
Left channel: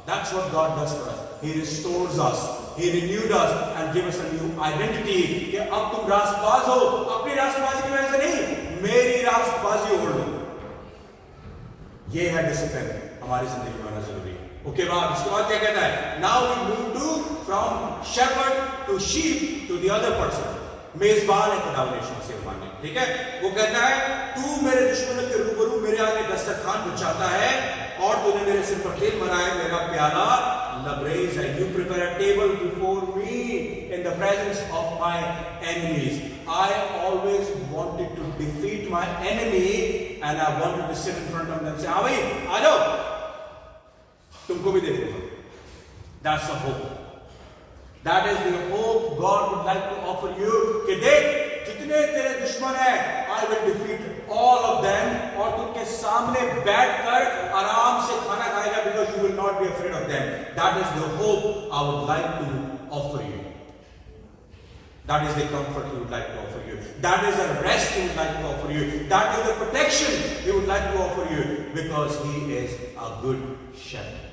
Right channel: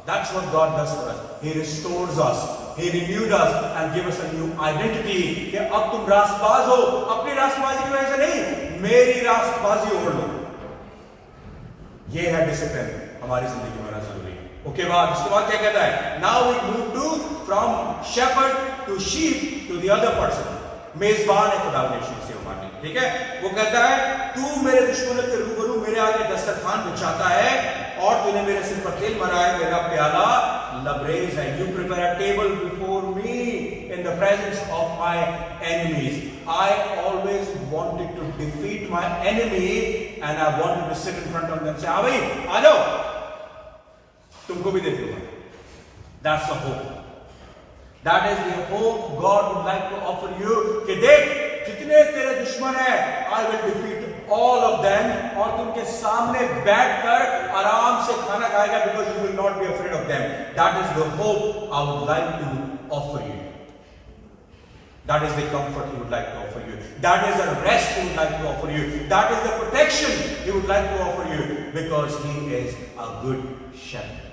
That's what God does for us. He restores us, He renewed us and gave us a new identity. कि अब तुम रास्तबाज हो, अपनी रास्तबाजी की वजह से नहीं, मेरी रास्तबाजी ओढ़ लो। ये है डिसिप्लिन हमारी जिंदगी में होना जरूरी है। ओके बाद इसके बाद क्या कहता है? Now we move to from shepherd to sheep to the other person. मेजबान है खुदा से मानने, ठीक है? वो कहता है तू मेरे दुश्मनों के रूबरू मेरे आगे दस्तरखान बिछाता है और तूने मेरे सिर पर तेल भरा है, मेरा प्याला लबरेज है। You prepare a table before me in the presence of my enemies. I always wanted to defeat my enemy and I wanted to sit in front of them and say, हाँ भाई आ जाओ, तुमको भी दे दूंगा। That's the hope. That is the hope God would like to offer you. कि देख जितने तेरे दुश्मन हैं, I will defeat all of them, और तुमके सामने बैठकर आराम से खाना खाएगा, because you will not be afraid of them. That is the hope I would like to offer you. That is the comfort He would like to offer you. That is the rest He would like to offer you. That is the protection He would like to offer you, because He is a good shepherd.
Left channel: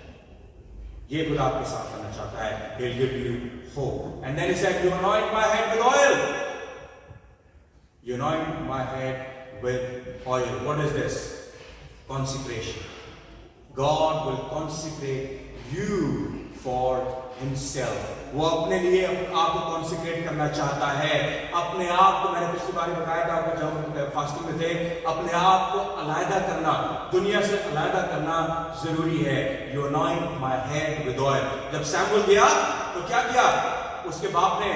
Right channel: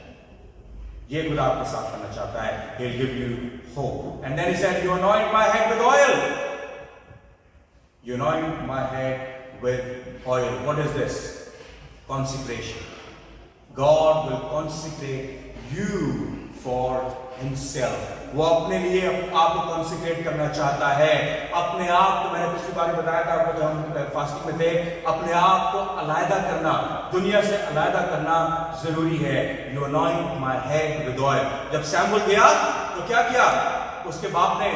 ये खुदा आपके साथ करना चाहता है। He'll give you hope. And then He said, "You anoint my head with oil." You anoint my head with oil. What is this? Consecration. God will consecrate you for Himself. वो अपने लिए आपको कॉन्सिक्रेट करना चाहता है। अपने आप को, मैंने पिछली बार बताया था आपको जब हम फास्टिंग में थे, अपने आप को अलग करना, दुनिया से अलग करना जरूरी है। You anoint my head with oil. जब सैमुअल गया तो क्या किया? उसके बाप ने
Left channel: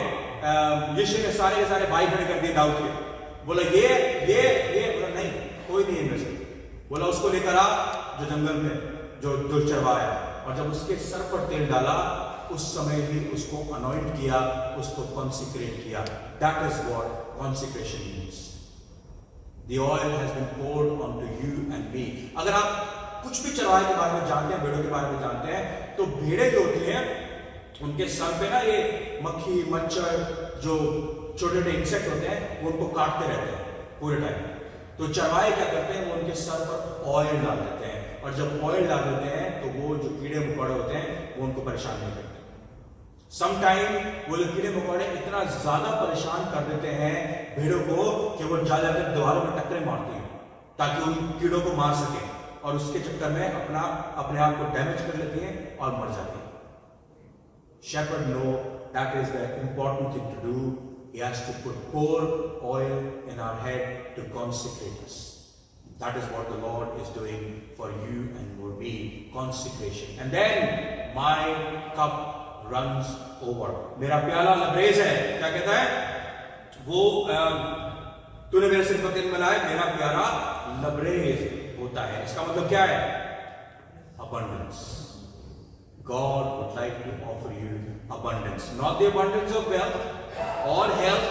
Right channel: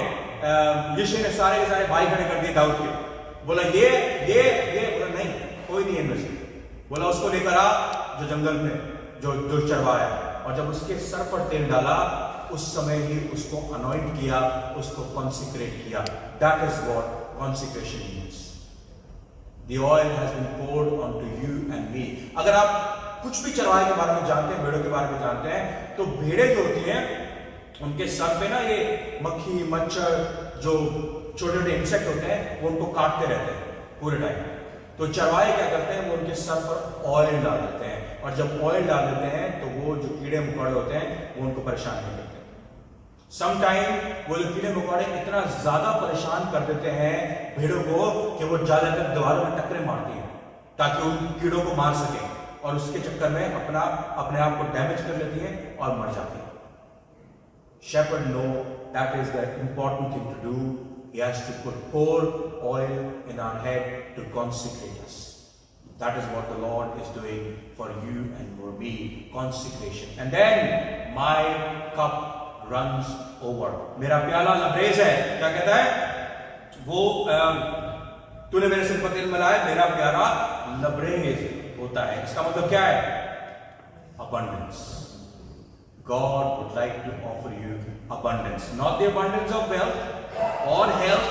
यिशै ने सारे के सारे भाई खड़े कर दिए दाऊद के। बोला ये बोला नहीं, कोई नहीं इनमें से। बोला उसको लेकर आ जो जंगल में जो चरवाया, और जब उसके सर पर तेल डाला उस समय ही उसको अनॉइंट किया, उसको कॉन्सिक्रेट किया। That is what consecration means. The oil has been poured onto you and me. अगर आप कुछ भी चरवाहे के बारे में जानते हैं, भेड़ों के बारे में जानते हैं, तो भेड़ें जो होती हैं उनके सर पे ना ये मक्खी मच्छर जो छोटे छोटे इंसेक्ट होते हैं वो उनको काटते रहते हैं पूरे टाइम। तो चरवाहे क्या करते हैं, वो उनके सर पर ऑयल डाल देते हैं, और जब ऑयल डाल देते हैं तो वो जो कीड़े मकोड़े होते हैं वो उनको परेशान नहीं करते। समटाइम वो लोग कीड़े मकोड़े इतना ज्यादा परेशान कर देते हैं भेड़ों को कि वो जाकर दीवारों में टक्करें मारती हैं ताकि उन कीड़ों को मार सके, और उसके चक्कर में अपने आप को डैमेज कर लेती हैं और मर जाती हैं। Shepherd know that is the important thing to do. He has to pour oil in our head to consecrate us. That is what the Lord is doing for you and for me, consecration. And then my cup runs over. मेरा प्याला लबरेज है, क्या कहता है वो, तूने मेरे सिर पर तेल मिलाया, मेरा प्याला लबरेज होता है। इसका मतलब क्या है? Abundance. God would like to offer you abundance, not the abundance of wealth or health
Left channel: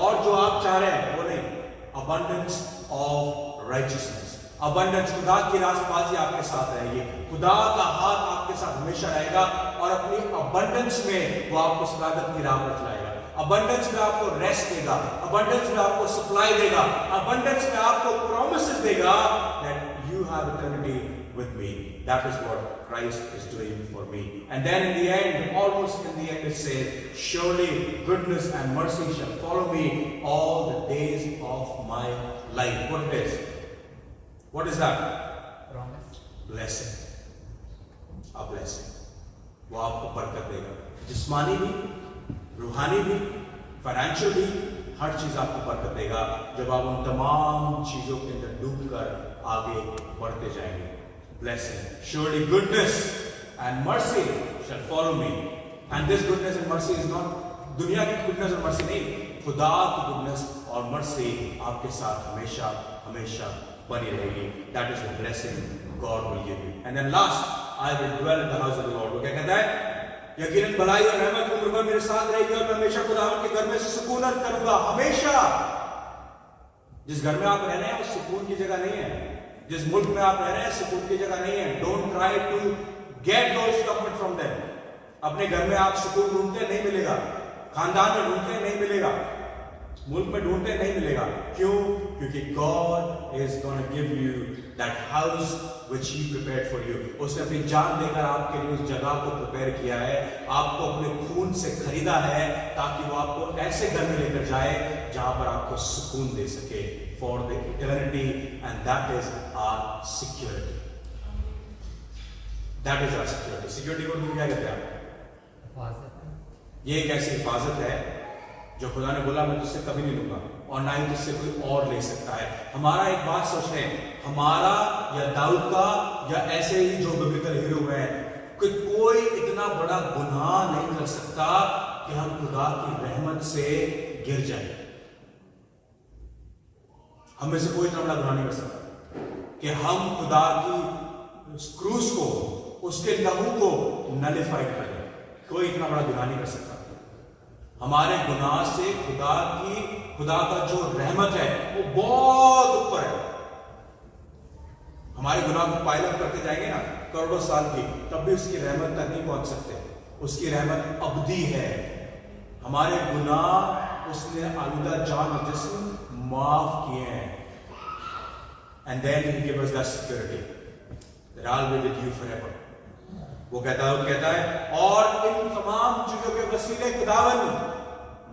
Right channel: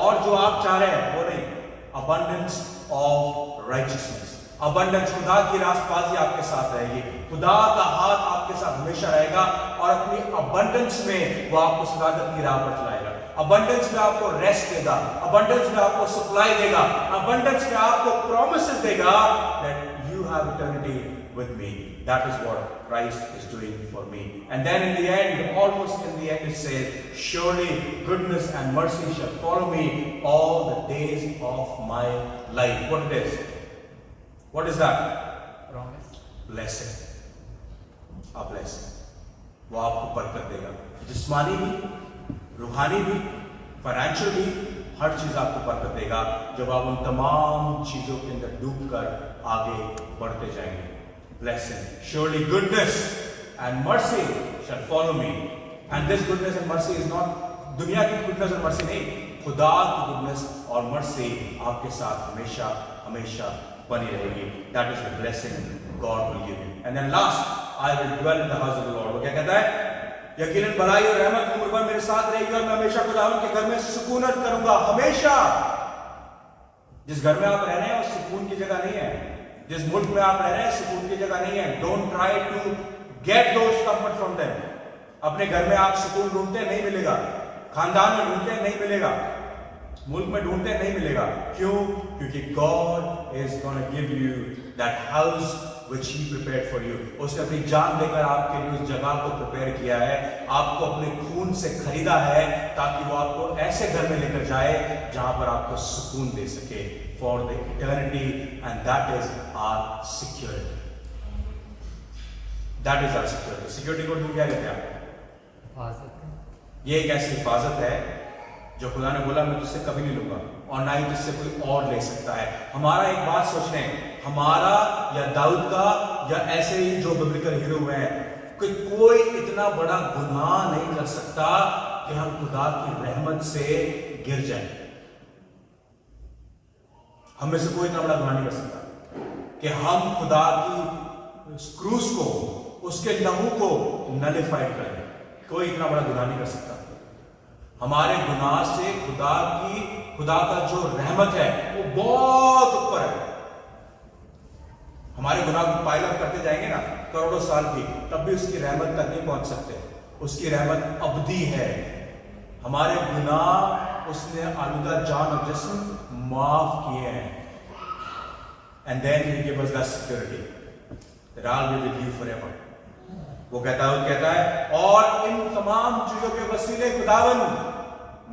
और जो आप चाह रहे हैं वो नहीं, abundance of righteousness. abundance, खुदा की रास्तबाजी आपके साथ रहेगी, खुदा का हाथ आपके साथ हमेशा रहेगा, और अपनी abundance में वो आपको सदाकत की राह पर चलाएगा। abundance में आपको रेस्ट देगा, abundance में आपको सप्लाई देगा, abundance में आपको promises देगा that you have eternity with me. That is what Christ is doing for me. And then in the end, almost in the end, it says, surely goodness and mercy shall follow me all the days of my life. What it is? What is that? Promise. Blessing. A blessing. वो आपको बरकत देगा, जिस्मानी भी, रूहानी भी, financial भी, हर चीज आपको बरकत देगा जब आप उन तमाम चीजों के अंदर डूबकर आगे बढ़ते जाएंगे। Blessing. Surely goodness and mercy shall follow me. And this goodness and mercy is not दुनिया की goodness और mercy नहीं, खुदा की goodness और mercy आपके साथ हमेशा हमेशा बनी रहेगी। That is the blessing God will give you. And then last, I will dwell in the house of the Lord. वो क्या कहता है? यकीनन भलाई और रहमत उम्र भर मेरे साथ रहेगी और मैं हमेशा खुदावंद के घर में सुकूनत करूंगा। हमेशा। जिस घर में आप रह रहे हैं वो सुकून की जगह नहीं है, जिस मुल्क में आप रह रहे हैं सुकून की जगह नहीं है। Don't try to get those comfort from them. अपने घर में आप सुकून ढूंढते नहीं मिलेगा, खानदान में ढूंढते नहीं मिलेगा, मुल्क में ढूंढते नहीं मिलेगा। क्यों? क्योंकि God is gonna give you that house which he prepared for you. उसने अपनी जान देकर आपके लिए उस जगह को प्रिपेयर किया है, आपको अपने खून से खरीदा है ताकि वो आपको ऐसे घर में लेकर जाए जहां पर आपको सुकून दे सके for the eternity, and that is our security. That is our security. Security को क्या कहते हैं? ये एक ऐसी हिफाजत है जो खुदा ने बोला मैं तुझसे कभी नहीं लूंगा और ना ही तुझसे कोई और ले सकता है। हमारा एक बात सोचने, हमारा या दाऊद का या ऐसे ही जो बिब्लिकल हीरो हैं, कोई इतना बड़ा गुनाह नहीं कर सकता कि हम खुदा की रहमत से गिर जाए। हम में से कोई इतना बड़ा गुनाह नहीं कर सकता कि हम खुदा की क्रूस को, उसके लहू को नलिफाइड कर दें। कोई इतना बड़ा गुनाह नहीं कर सकता। हमारे गुनाह से खुदा का जो रहमत है वो बहुत ऊपर है। हमारे गुनाह को पाइल अप करते जाएंगे ना करोड़ों साल की, तब भी उसकी रहमत तक नहीं पहुंच सकते। उसकी रहमत अबदी है। हमारे गुनाह उसने आलूदा जान और जिस्म माफ किए हैं। And then he gives us that security that I'll be with you forever. वो कहता है और इन तमाम चीजों के वसीले खुदावन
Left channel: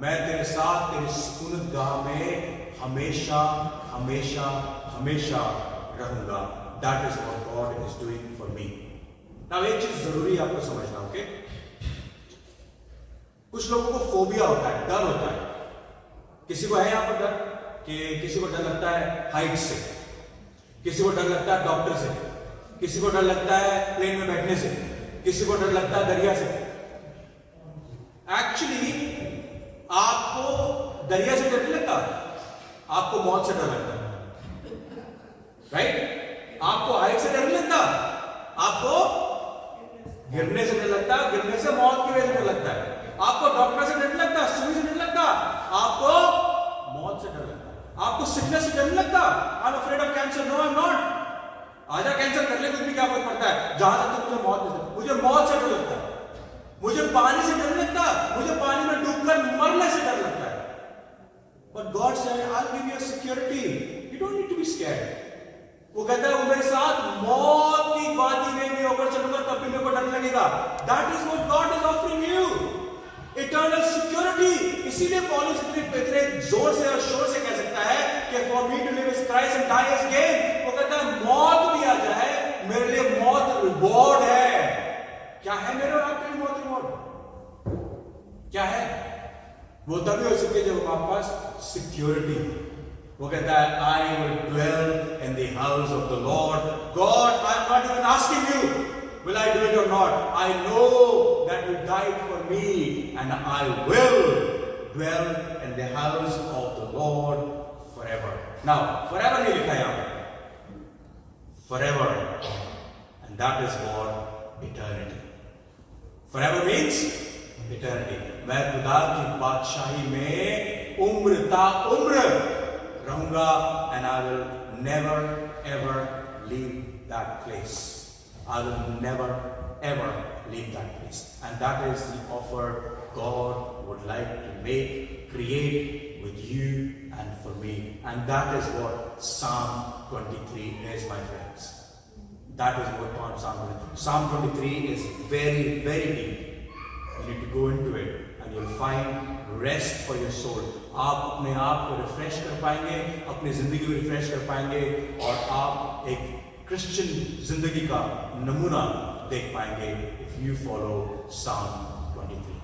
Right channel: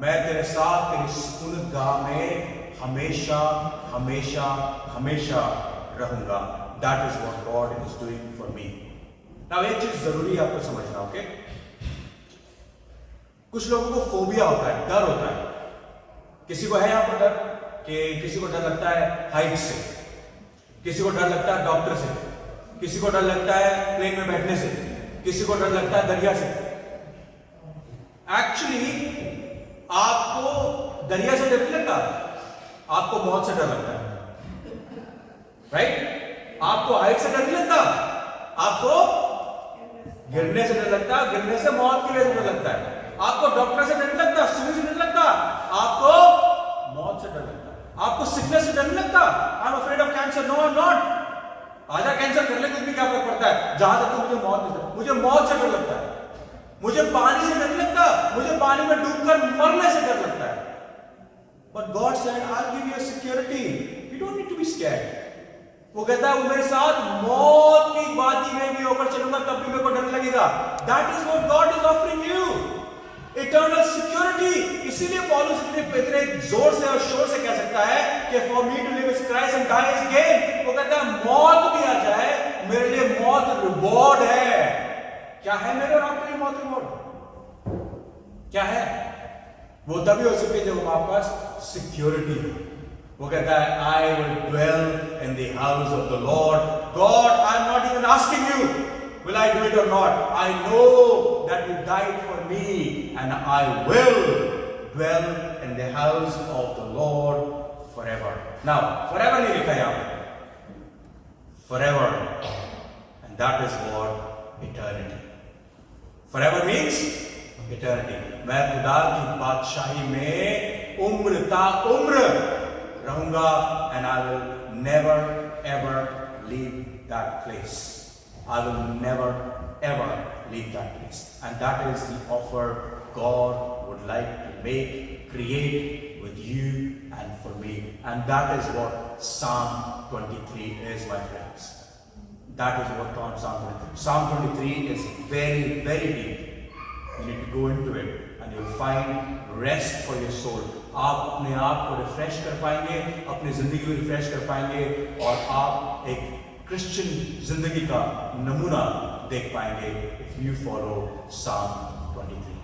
मैं तेरे साथ तेरी सुकूनत गाह में हमेशा हमेशा हमेशा रहूंगा। That is what God is doing for me. Now एक चीज जरूरी है आपको समझना, ओके? कुछ लोगों को फोबिया होता है, डर होता है। किसी को है यहां पर डर कि किसी को डर लगता है हाइट से, किसी को डर लगता है डॉक्टर से, किसी को डर लगता है प्लेन में बैठने से, किसी को डर लगता है दरिया से। एक्चुअली आपको दरिया से डर नहीं लगता, आपको मौत से डर लगता है, राइट? आपको हाइट से डर नहीं लगता, आपको गिरने से डर लगता है, गिरने से मौत की वजह से डर लगता है। आपको डॉक्टर से डर नहीं लगता, सुई से डर लगता, आपको मौत से डर लगता है। आपको सिकनेस से डर नहीं लगता, I am afraid of cancer, no I am not. आजा कैंसर करने को भी क्या फर्क पड़ता है, जहां तक तो मुझे मौत से डर लगता है। मुझे पानी से डर लगता, मुझे पानी में डूबकर मरने से डर लगता है। But God said, I'll give you a security. You don't need to be scared. वो कहता है वो मेरे साथ मौत की वादी में भी ऊपर चलूंगा तब भी मेरे को डर लगेगा। That is what God is offering you. Eternal security. इसीलिए पौलुस इतने जोर से और शोर से कह सकता है कि for me to live is Christ and die is gain. वो कहता है मौत भी आ जाए मेरे लिए मौत रिवॉर्ड है। क्या है मेरे और आपके लिए मौत रिवॉर्ड? क्या है? वो तभी हो सकती है जब हमारे पास सिक्योरिटी हो। वो कहता है I will dwell in the house of the Lord. God, I am not even asking you, will I do it or not? I know that you died for me and I will dwell in the house of the Lord forever. Now, forever नहीं लिखा यहाँ पर, forever, and that is what eternity. Forever means eternity. मैं खुदा की बादशाही में उम्र ता उम्र रहूंगा and I will never ever leave that place. I will never ever leave that place. And that is the offer God would like to make, create with you and for me. And that is what Psalm 23 is, my friends. That is what Psalm 23. Psalm 23 is very, very deep. You need to go into it and you'll find rest for your soul. आप अपने आप को refresh कर पाएंगे, अपनी जिंदगी को refresh कर पाएंगे और आप एक क्रिश्चियन जिंदगी का नमूना देख पाएंगे if you follow Psalm 23.